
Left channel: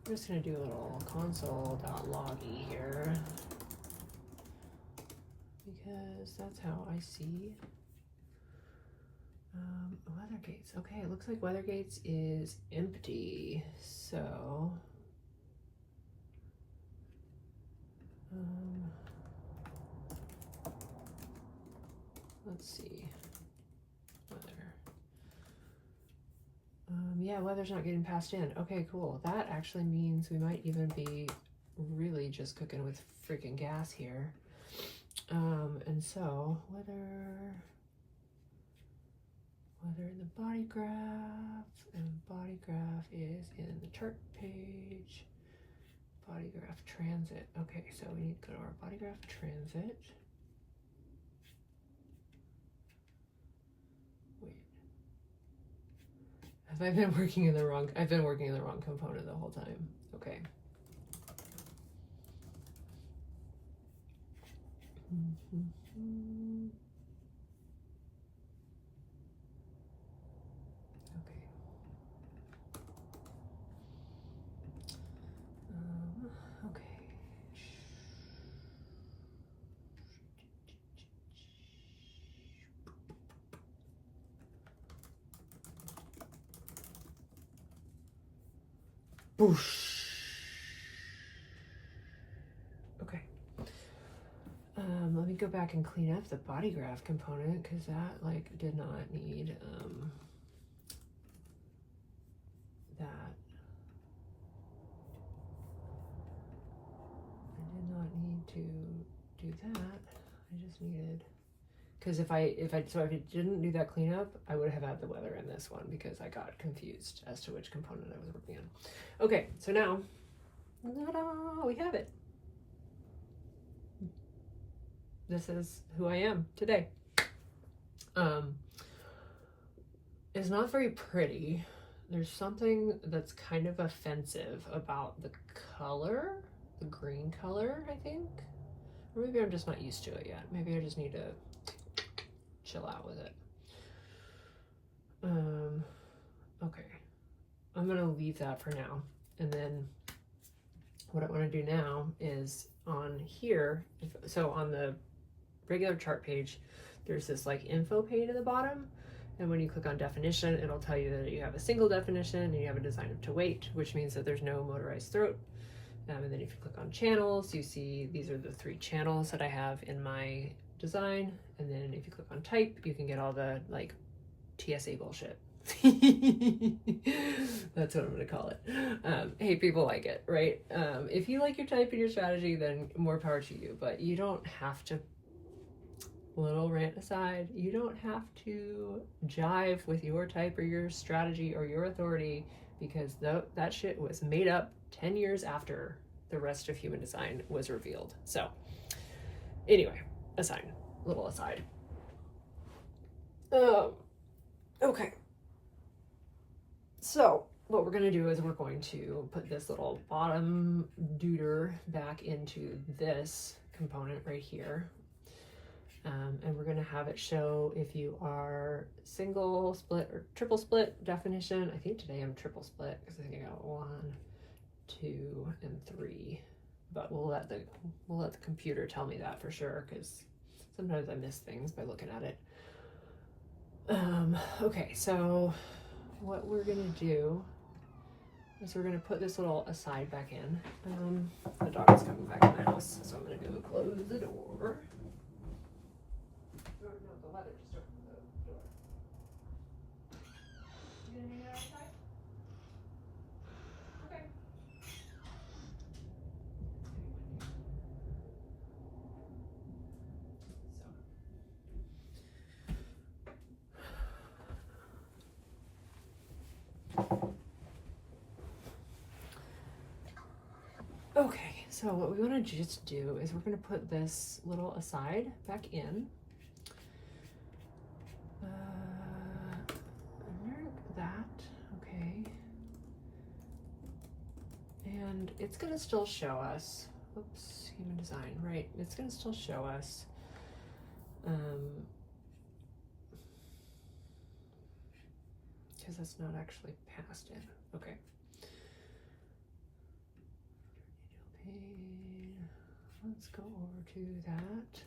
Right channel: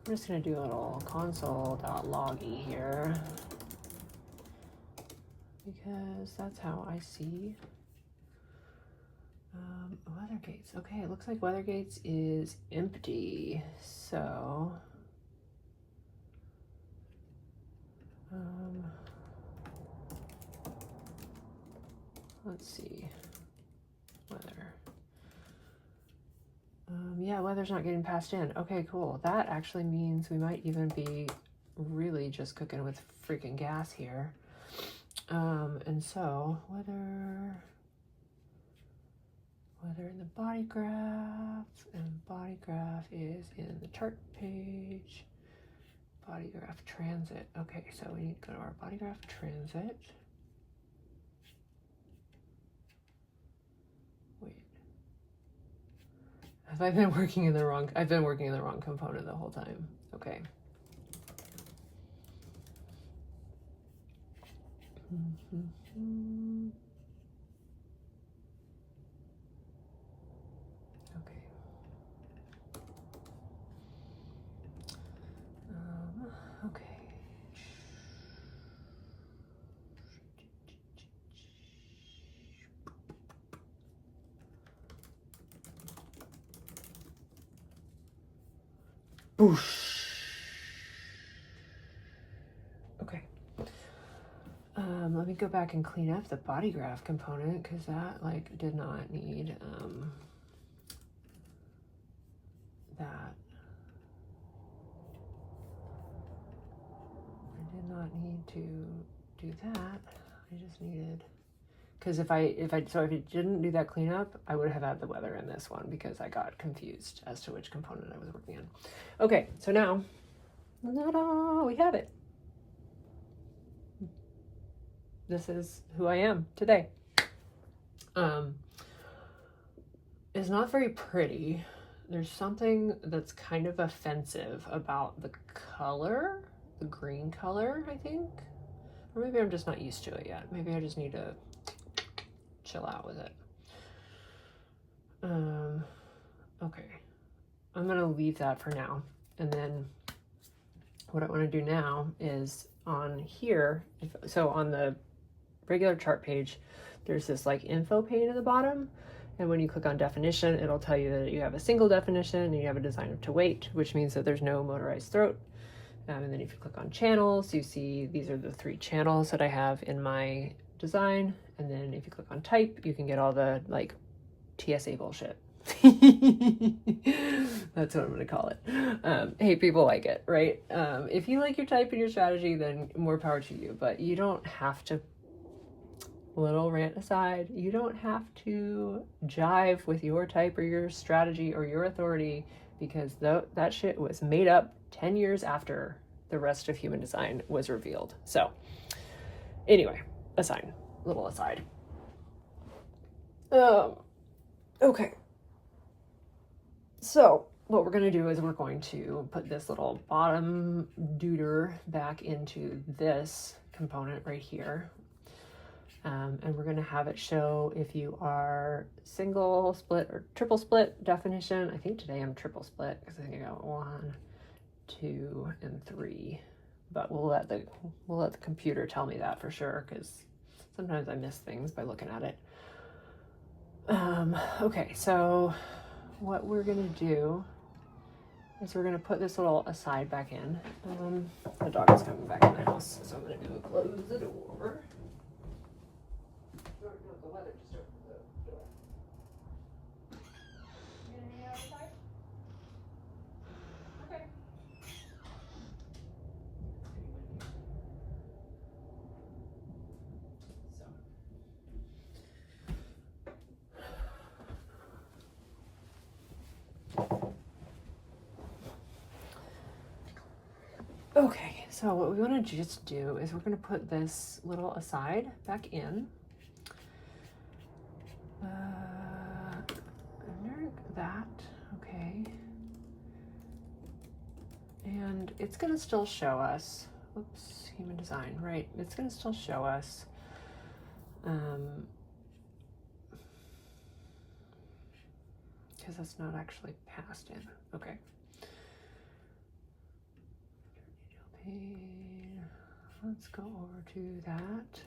I'm just going to do a little console.loggy here, because that's how I see weather gates. Okay, it looks like weather gates is empty. So let's see. Weather. Yeah, weather weather's not getting passed in. Okay, cool. That actually means we might even be really just cooking with freaking gas here. And so weather in the Bodygraph, and Bodygraph is in the chart page. Bodygraph transit. Okay, so we need to go to our Bodygraph transit. Wait. Have I been working in the wrong? I've been working in the wrong component the whole time. Okay. Okay. Boosh. Okay. Let me go back and clean up the Bodygraph component because that like did not need that. I did not need to do that. I just needed, because if it didn't do that cleanup, I would have had the weather in this one because I got confused as to which component I was working on. Okay, so now we have it. This is who I am today. It's not very pretty. There's something that's kind of offensive about the color, the green color, I think. Or maybe I'm just not used to it yet. Maybe I just need to chill out with it. Okay. I'm gonna leave that for now. And then what I wanna do now is on here, so on the regular chart page, there's this like info pane at the bottom. And when you click on definition, it'll tell you that you have a single definition and you have a designer to weight, which means that there's no motorized throat. And then if you click on channels, you see these are the 3 channels that I have in my design. And then if you click on type, you can get all the like TSA bullshit. That's what I'm gonna call it. Hey, people like it, right? If you like your type and your strategy, then more power to you, but you don't have to, little rant aside, you don't have to jive with your type or your strategy or your authority, because that shit was made up 10 years after the rest of human design was revealed. So anyway, little aside. Okay. So what we're going to do is we're going to put this little bottom duder back into this component right here. And we're going to have it show if you are single split or triple split definition. I think today I'm triple split because I think I got 1, 2, and 3. But we'll let the computer tell me that for sure, because sometimes I miss things by looking at it. Okay, so what we're gonna do is we're gonna put this little aside back in, and then the dog is coming back in the house, so I'm gonna go close the door. The weather just opened the door. You gonna hang out outside? Okay. Okay, so what we want to just do is we're going to put this little aside back in. That, okay. And it's going to still show us, oops, human design, right? It's going to still show us because it's not actually passed in. Okay. Let's go over to that.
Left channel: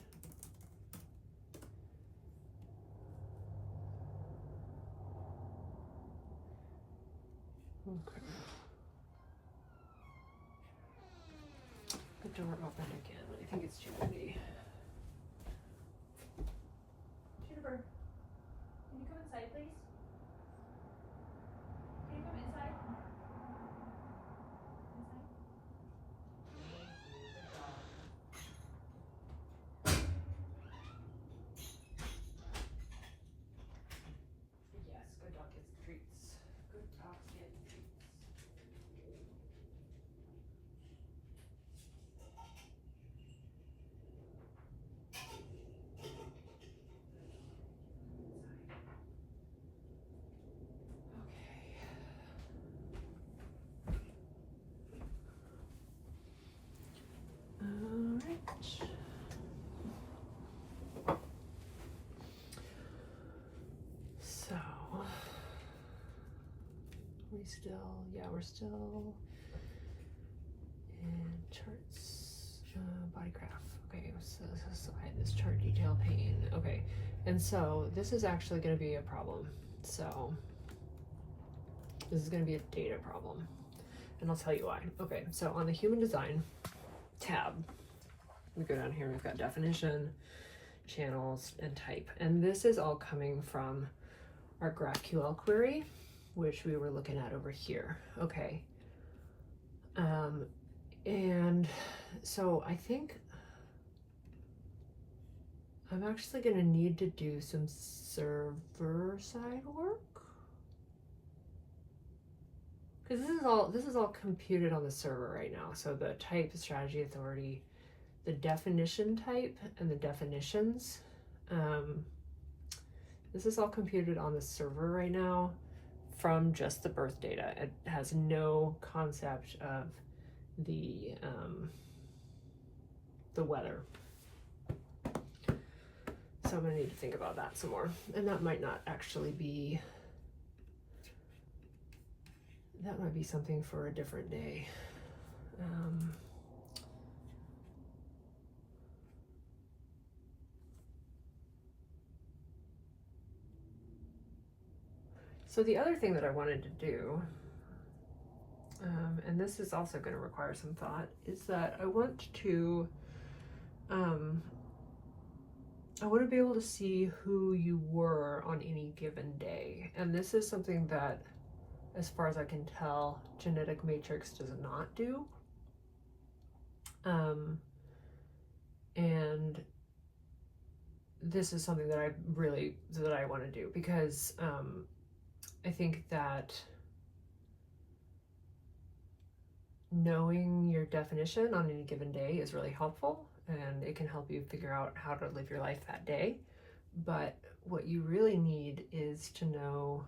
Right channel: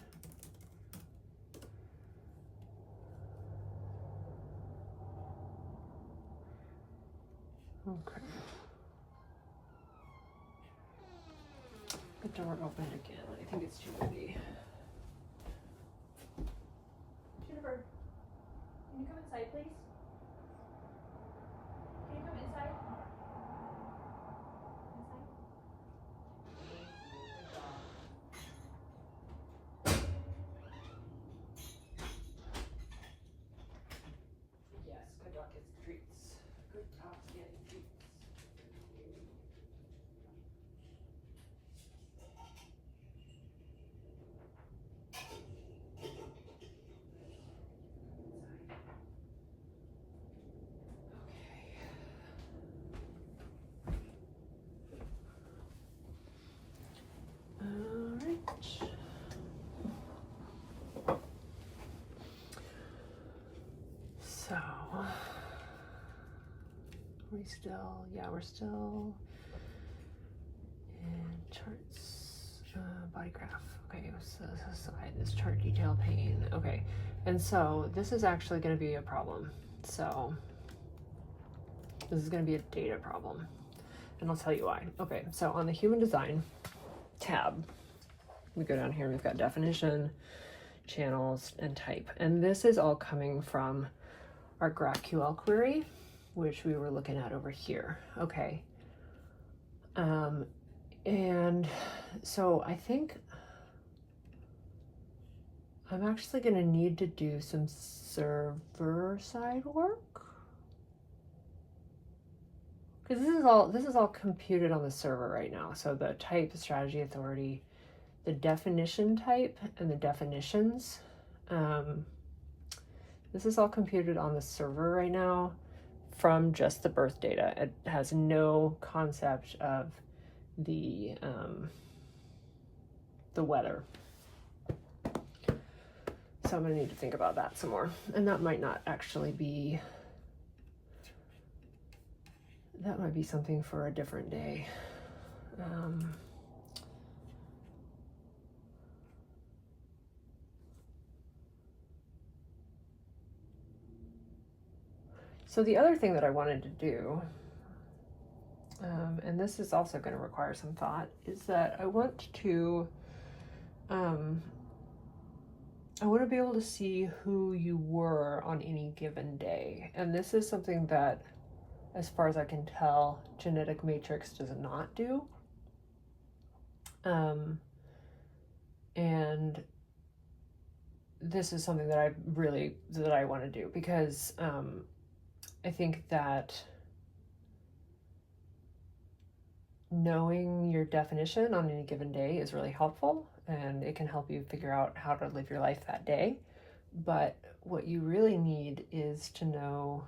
Okay. The door opened again. I think it's too windy. Jennifer, can you come inside, please? Can you come inside? we still, yeah, we're still in charts, Bodygraph. Okay, so aside this chart detail pane. Okay, and so this is actually going to be a problem. So this is going to be a data problem, and I'll tell you why. Okay, so on the human design tab, we go down here, we've got definition, channels, and type. And this is all coming from our GraphQL query, which we were looking at over here. Okay. And so I think I'm actually going to need to do some server side work, because this is all computed on the server right now. So the type, the strategy, authority, the definition type, and the definitions, this is all computed on the server right now from just the birth data. It has no concept of the weather. So I'm gonna need to think about that some more. And that might not actually be, that might be something for a different day. So the other thing that I wanted to do, and this is also going to require some thought, is that I want to be able to see who you were on any given day. And this is something that, as far as I can tell, Genetic Matrix does not do. And this is something that I want to do, because I think that knowing your definition on any given day is really helpful, and it can help you figure out how to live your life that day. But what you really need is to know,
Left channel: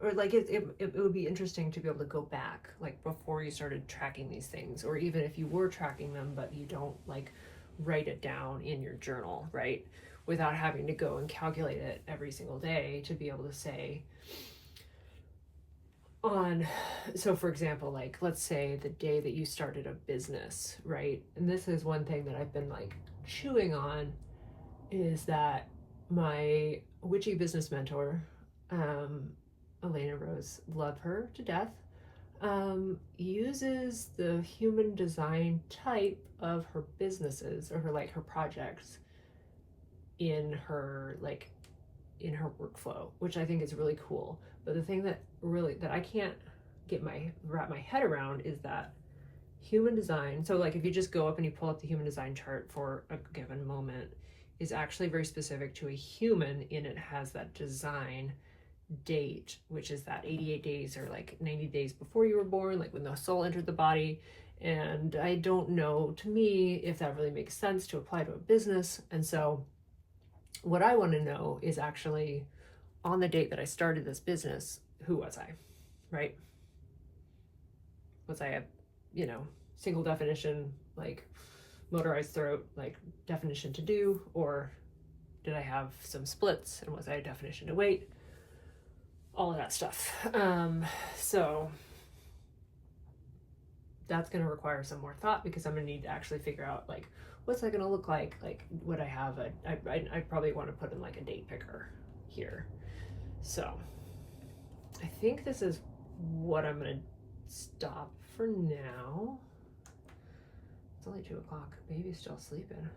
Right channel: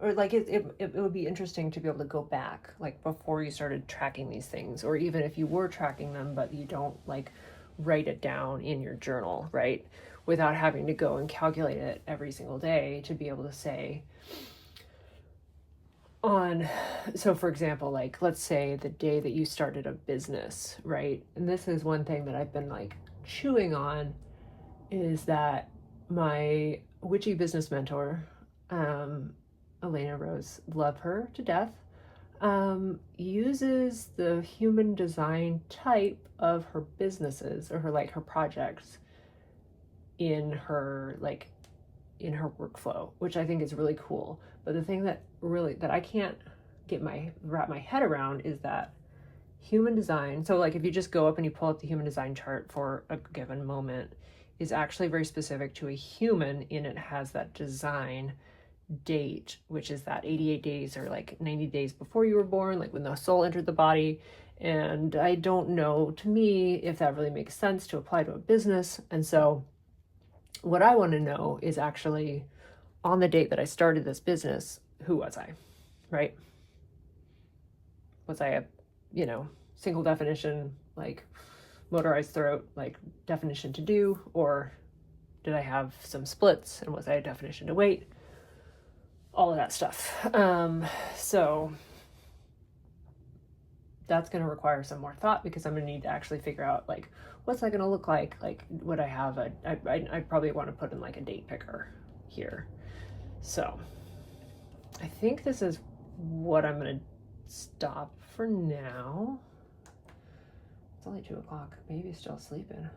or like it would be interesting to be able to go back, like before you started tracking these things, or even if you were tracking them but you don't like write it down in your journal, right? Without having to go and calculate it every single day, to be able to say, so for example, like let's say the day that you started a business, right? And this is one thing that I've been like chewing on, is that my witchy business mentor, Elena Rose, love her to death, uses the human design type of her businesses, or her projects, in her workflow, which I think is really cool. But the thing that I can't wrap my head around is that human design, so like if you just go up and you pull up the human design chart for a given moment, is actually very specific to a human, and it has that design date, which is that 88 days or like 90 days before you were born, like when the soul entered the body. And I don't know, to me, if that really makes sense to apply to a business. And so what I want to know is actually, on the date that I started this business, who was I, right? Was I a, single definition, like motorized throat, like definition to do, or did I have some splits, and was I a definition to wait? All of that stuff. So that's going to require some more thought, because I'm going to need to actually figure out, like, what's that going to look like? Like, would I have I'd probably want to put in like a date picker here. So I think this is what I'm going to stop for now. It's only 2 o'clock. Baby's still sleeping.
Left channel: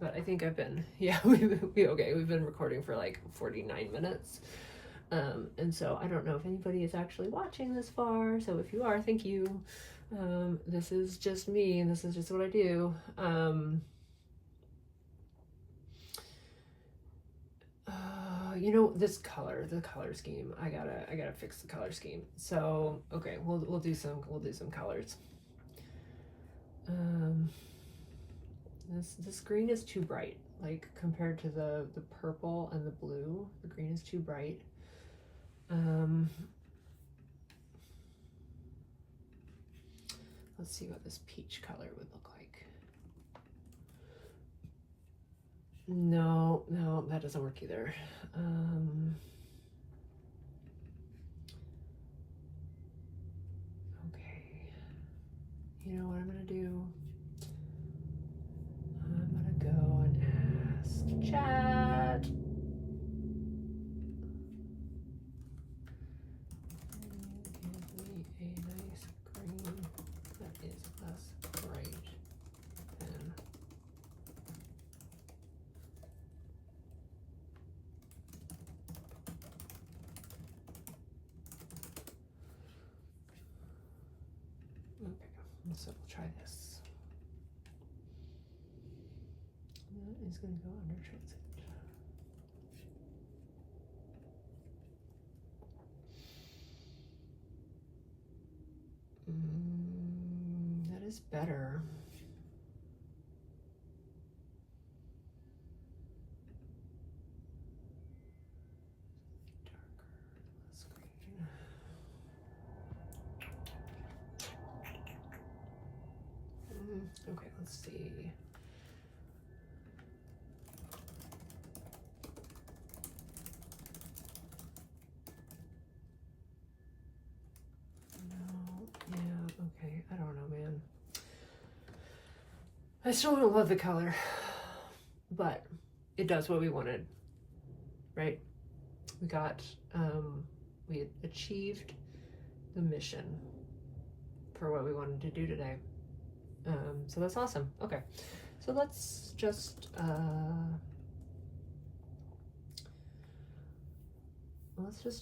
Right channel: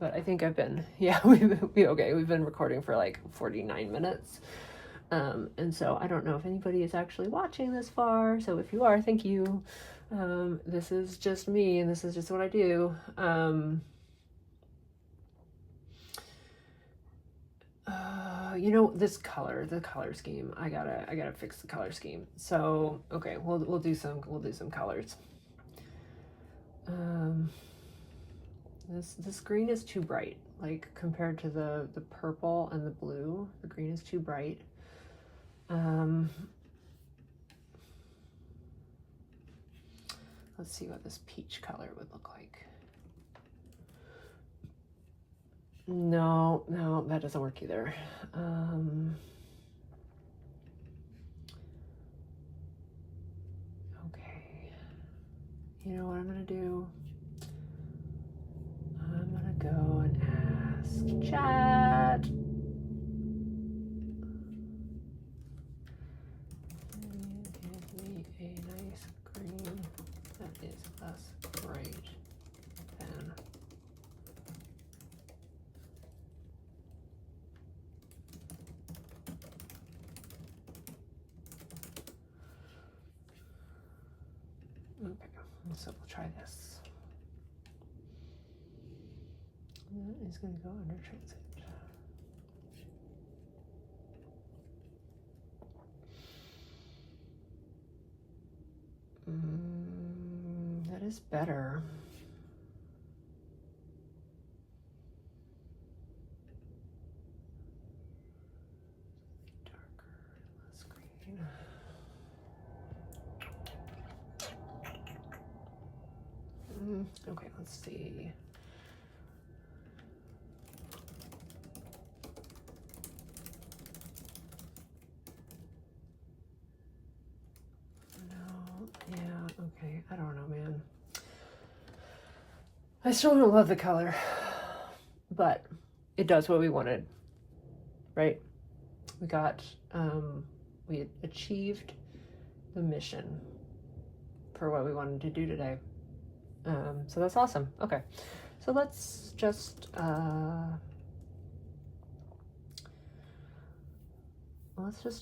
But I think I've been, we've been recording for like 49 minutes. And so I don't know if anybody is actually watching this far. So if you are, thank you. This is just me, and this is just what I do. This the color scheme, I gotta fix the color scheme. So, okay, we'll do some colors. This green is too bright, like compared to the purple and the blue. The green is too bright. Let's see what this peach color would look like. No, that doesn't work either. you know what I'm gonna do? I'm gonna go and ask chat. Give me a nice green that is less bright than okay, so we'll try this. That is going to go under transit. That is better. Darker, less green. Okay, let's see. Okay, I don't know, man. I still don't love the color, but it does what we wanted, right? We got, we had achieved the mission for what we wanted to do today. So that's awesome. Okay, so let's just,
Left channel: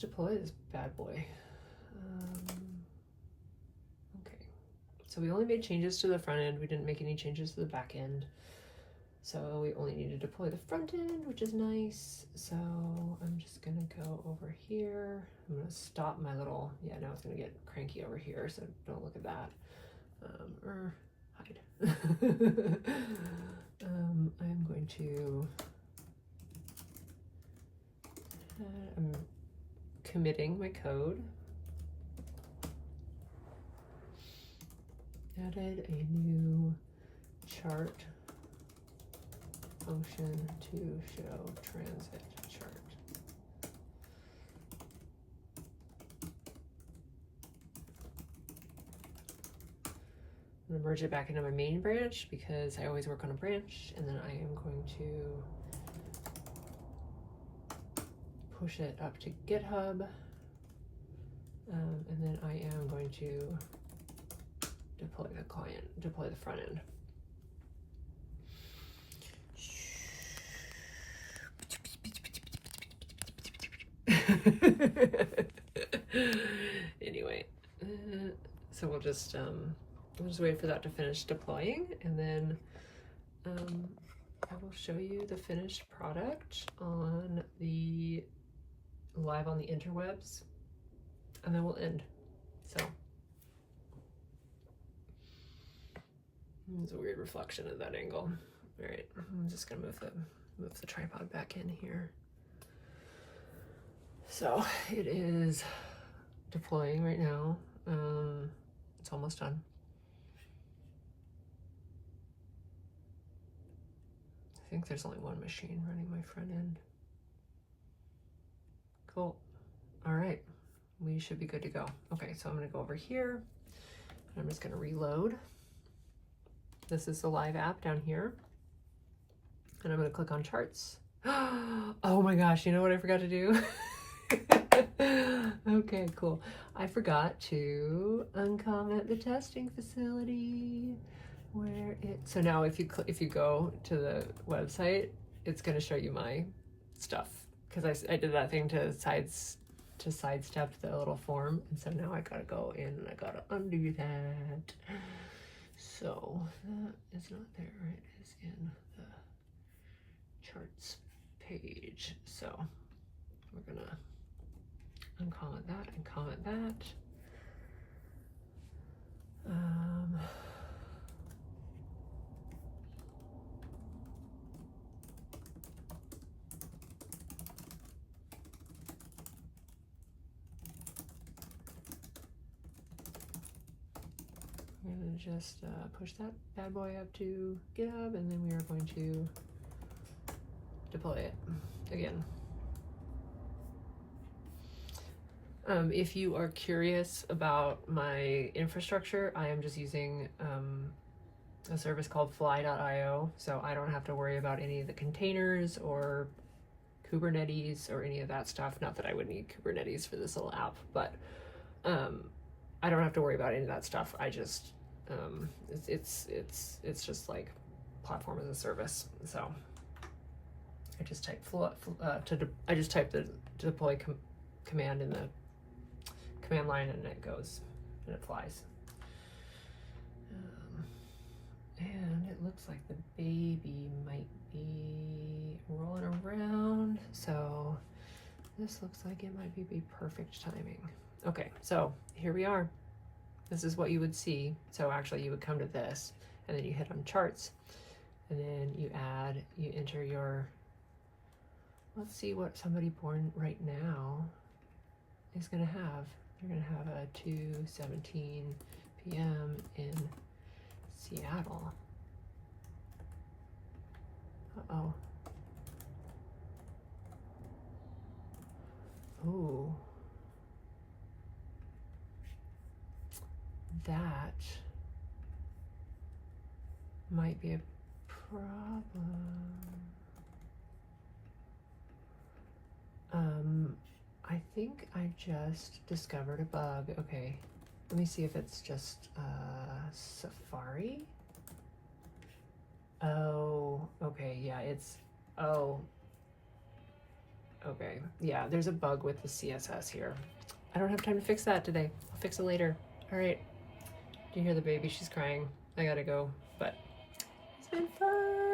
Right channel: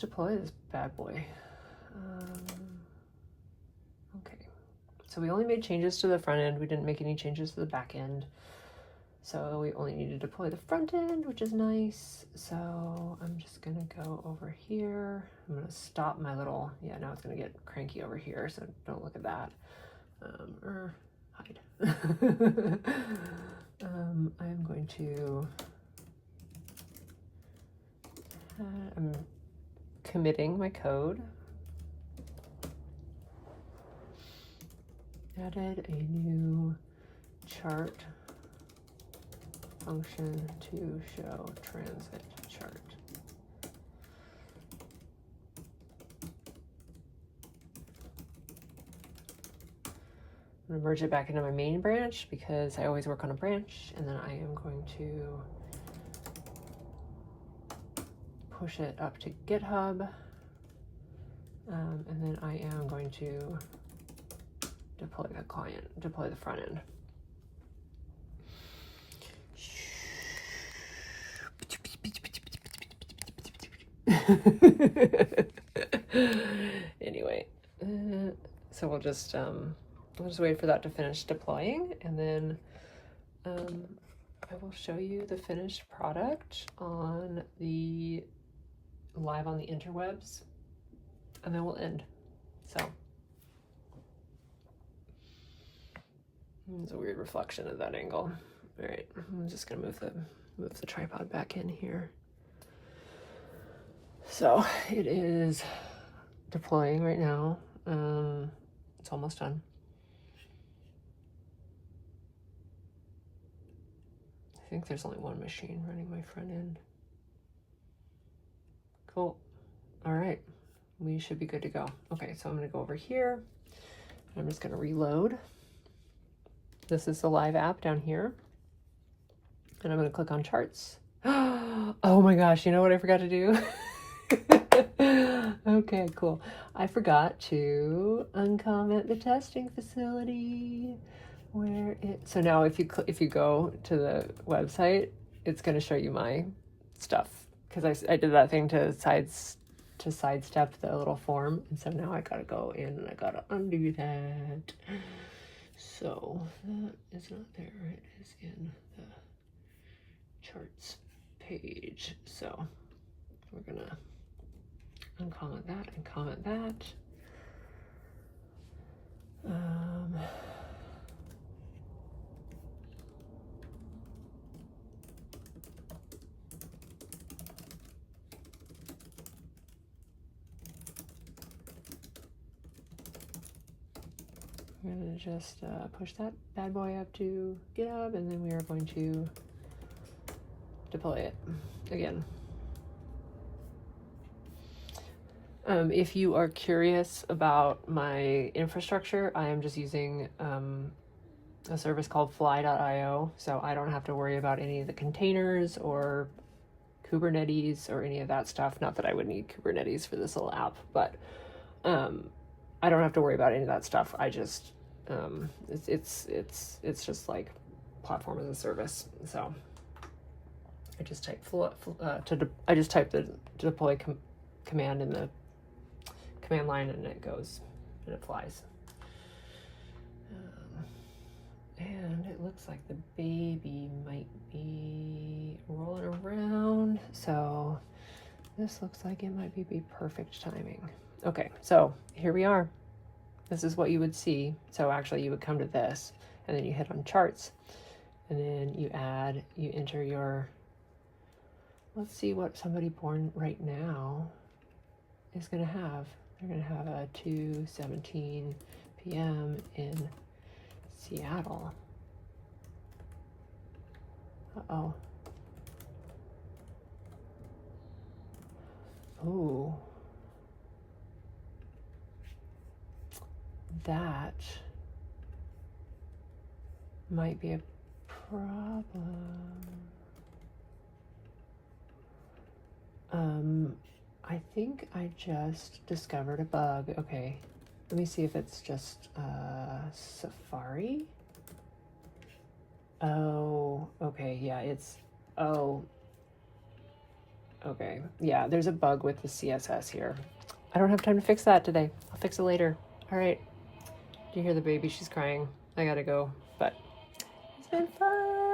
deploy this bad boy. Okay, so we only made changes to the front end. We didn't make any changes to the back end. So we only need to deploy the front end, which is nice. So I'm just gonna go over here. I'm gonna stop my little, yeah, now it's gonna get cranky over here, so don't look at that. Or hide. I'm going to, I'm committing my code. Added a new chart function to show transit chart. I'm going to merge it back into my main branch because I always work on a branch, and then I am going to push it up to GitHub, and then I am going to deploy the client, deploy the front end. Anyway, so we'll just wait for that to finish deploying, and then I will show you the finished product on the live on the interwebs, and then we'll end. So it's a weird reflection of that angle. All right, I'm just gonna move the tripod back in here. So it is deploying right now. It's almost done. I think there's only one machine running my front end. Cool. All right, we should be good to go. Okay, so I'm gonna go over here. I'm just gonna reload. This is the live app down here. And I'm gonna click on charts. Oh my gosh, you know what I forgot to do? Okay, cool. I forgot to uncomment the testing facility. Where it, so now if you go to the website, it's going to show you my stuff, because I did that thing to sidestep the little form, and so now I gotta go in and I gotta undo that. So that is not there. It is in the charts page. So we're gonna uncomment that and comment that. I'm gonna just push that bad boy up to GitHub, and then we are going to deploy it again. If you are curious about my infrastructure, I am just using a service called fly.io, so I don't have to worry about any of the containers or Kubernetes or any of that stuff. Not that I would need Kubernetes for this little app, but I don't have to worry about any of that stuff. I just it's just like platform as a service. So I just type I just type the deploy command in the command line, and it goes and it flies. And it looks like the baby might be rolling around, so this looks like it might be perfect timing. Okay, so here we are. This is what you would see. So actually you would come to this, and then you hit on charts, and then you enter your, let's see what somebody born right now is gonna have. They're gonna have a 2:17 p.m. in Seattle. Uh-oh. Ooh. That might be a problem. I think I just discovered a bug. Okay, let me see if it's just Safari. Oh, okay, yeah, it's, oh, okay, yeah, there's a bug with the CSS here. I don't have time to fix that today. I'll fix it later. All right, do you hear the baby? She's crying. I gotta go, but it's been fun.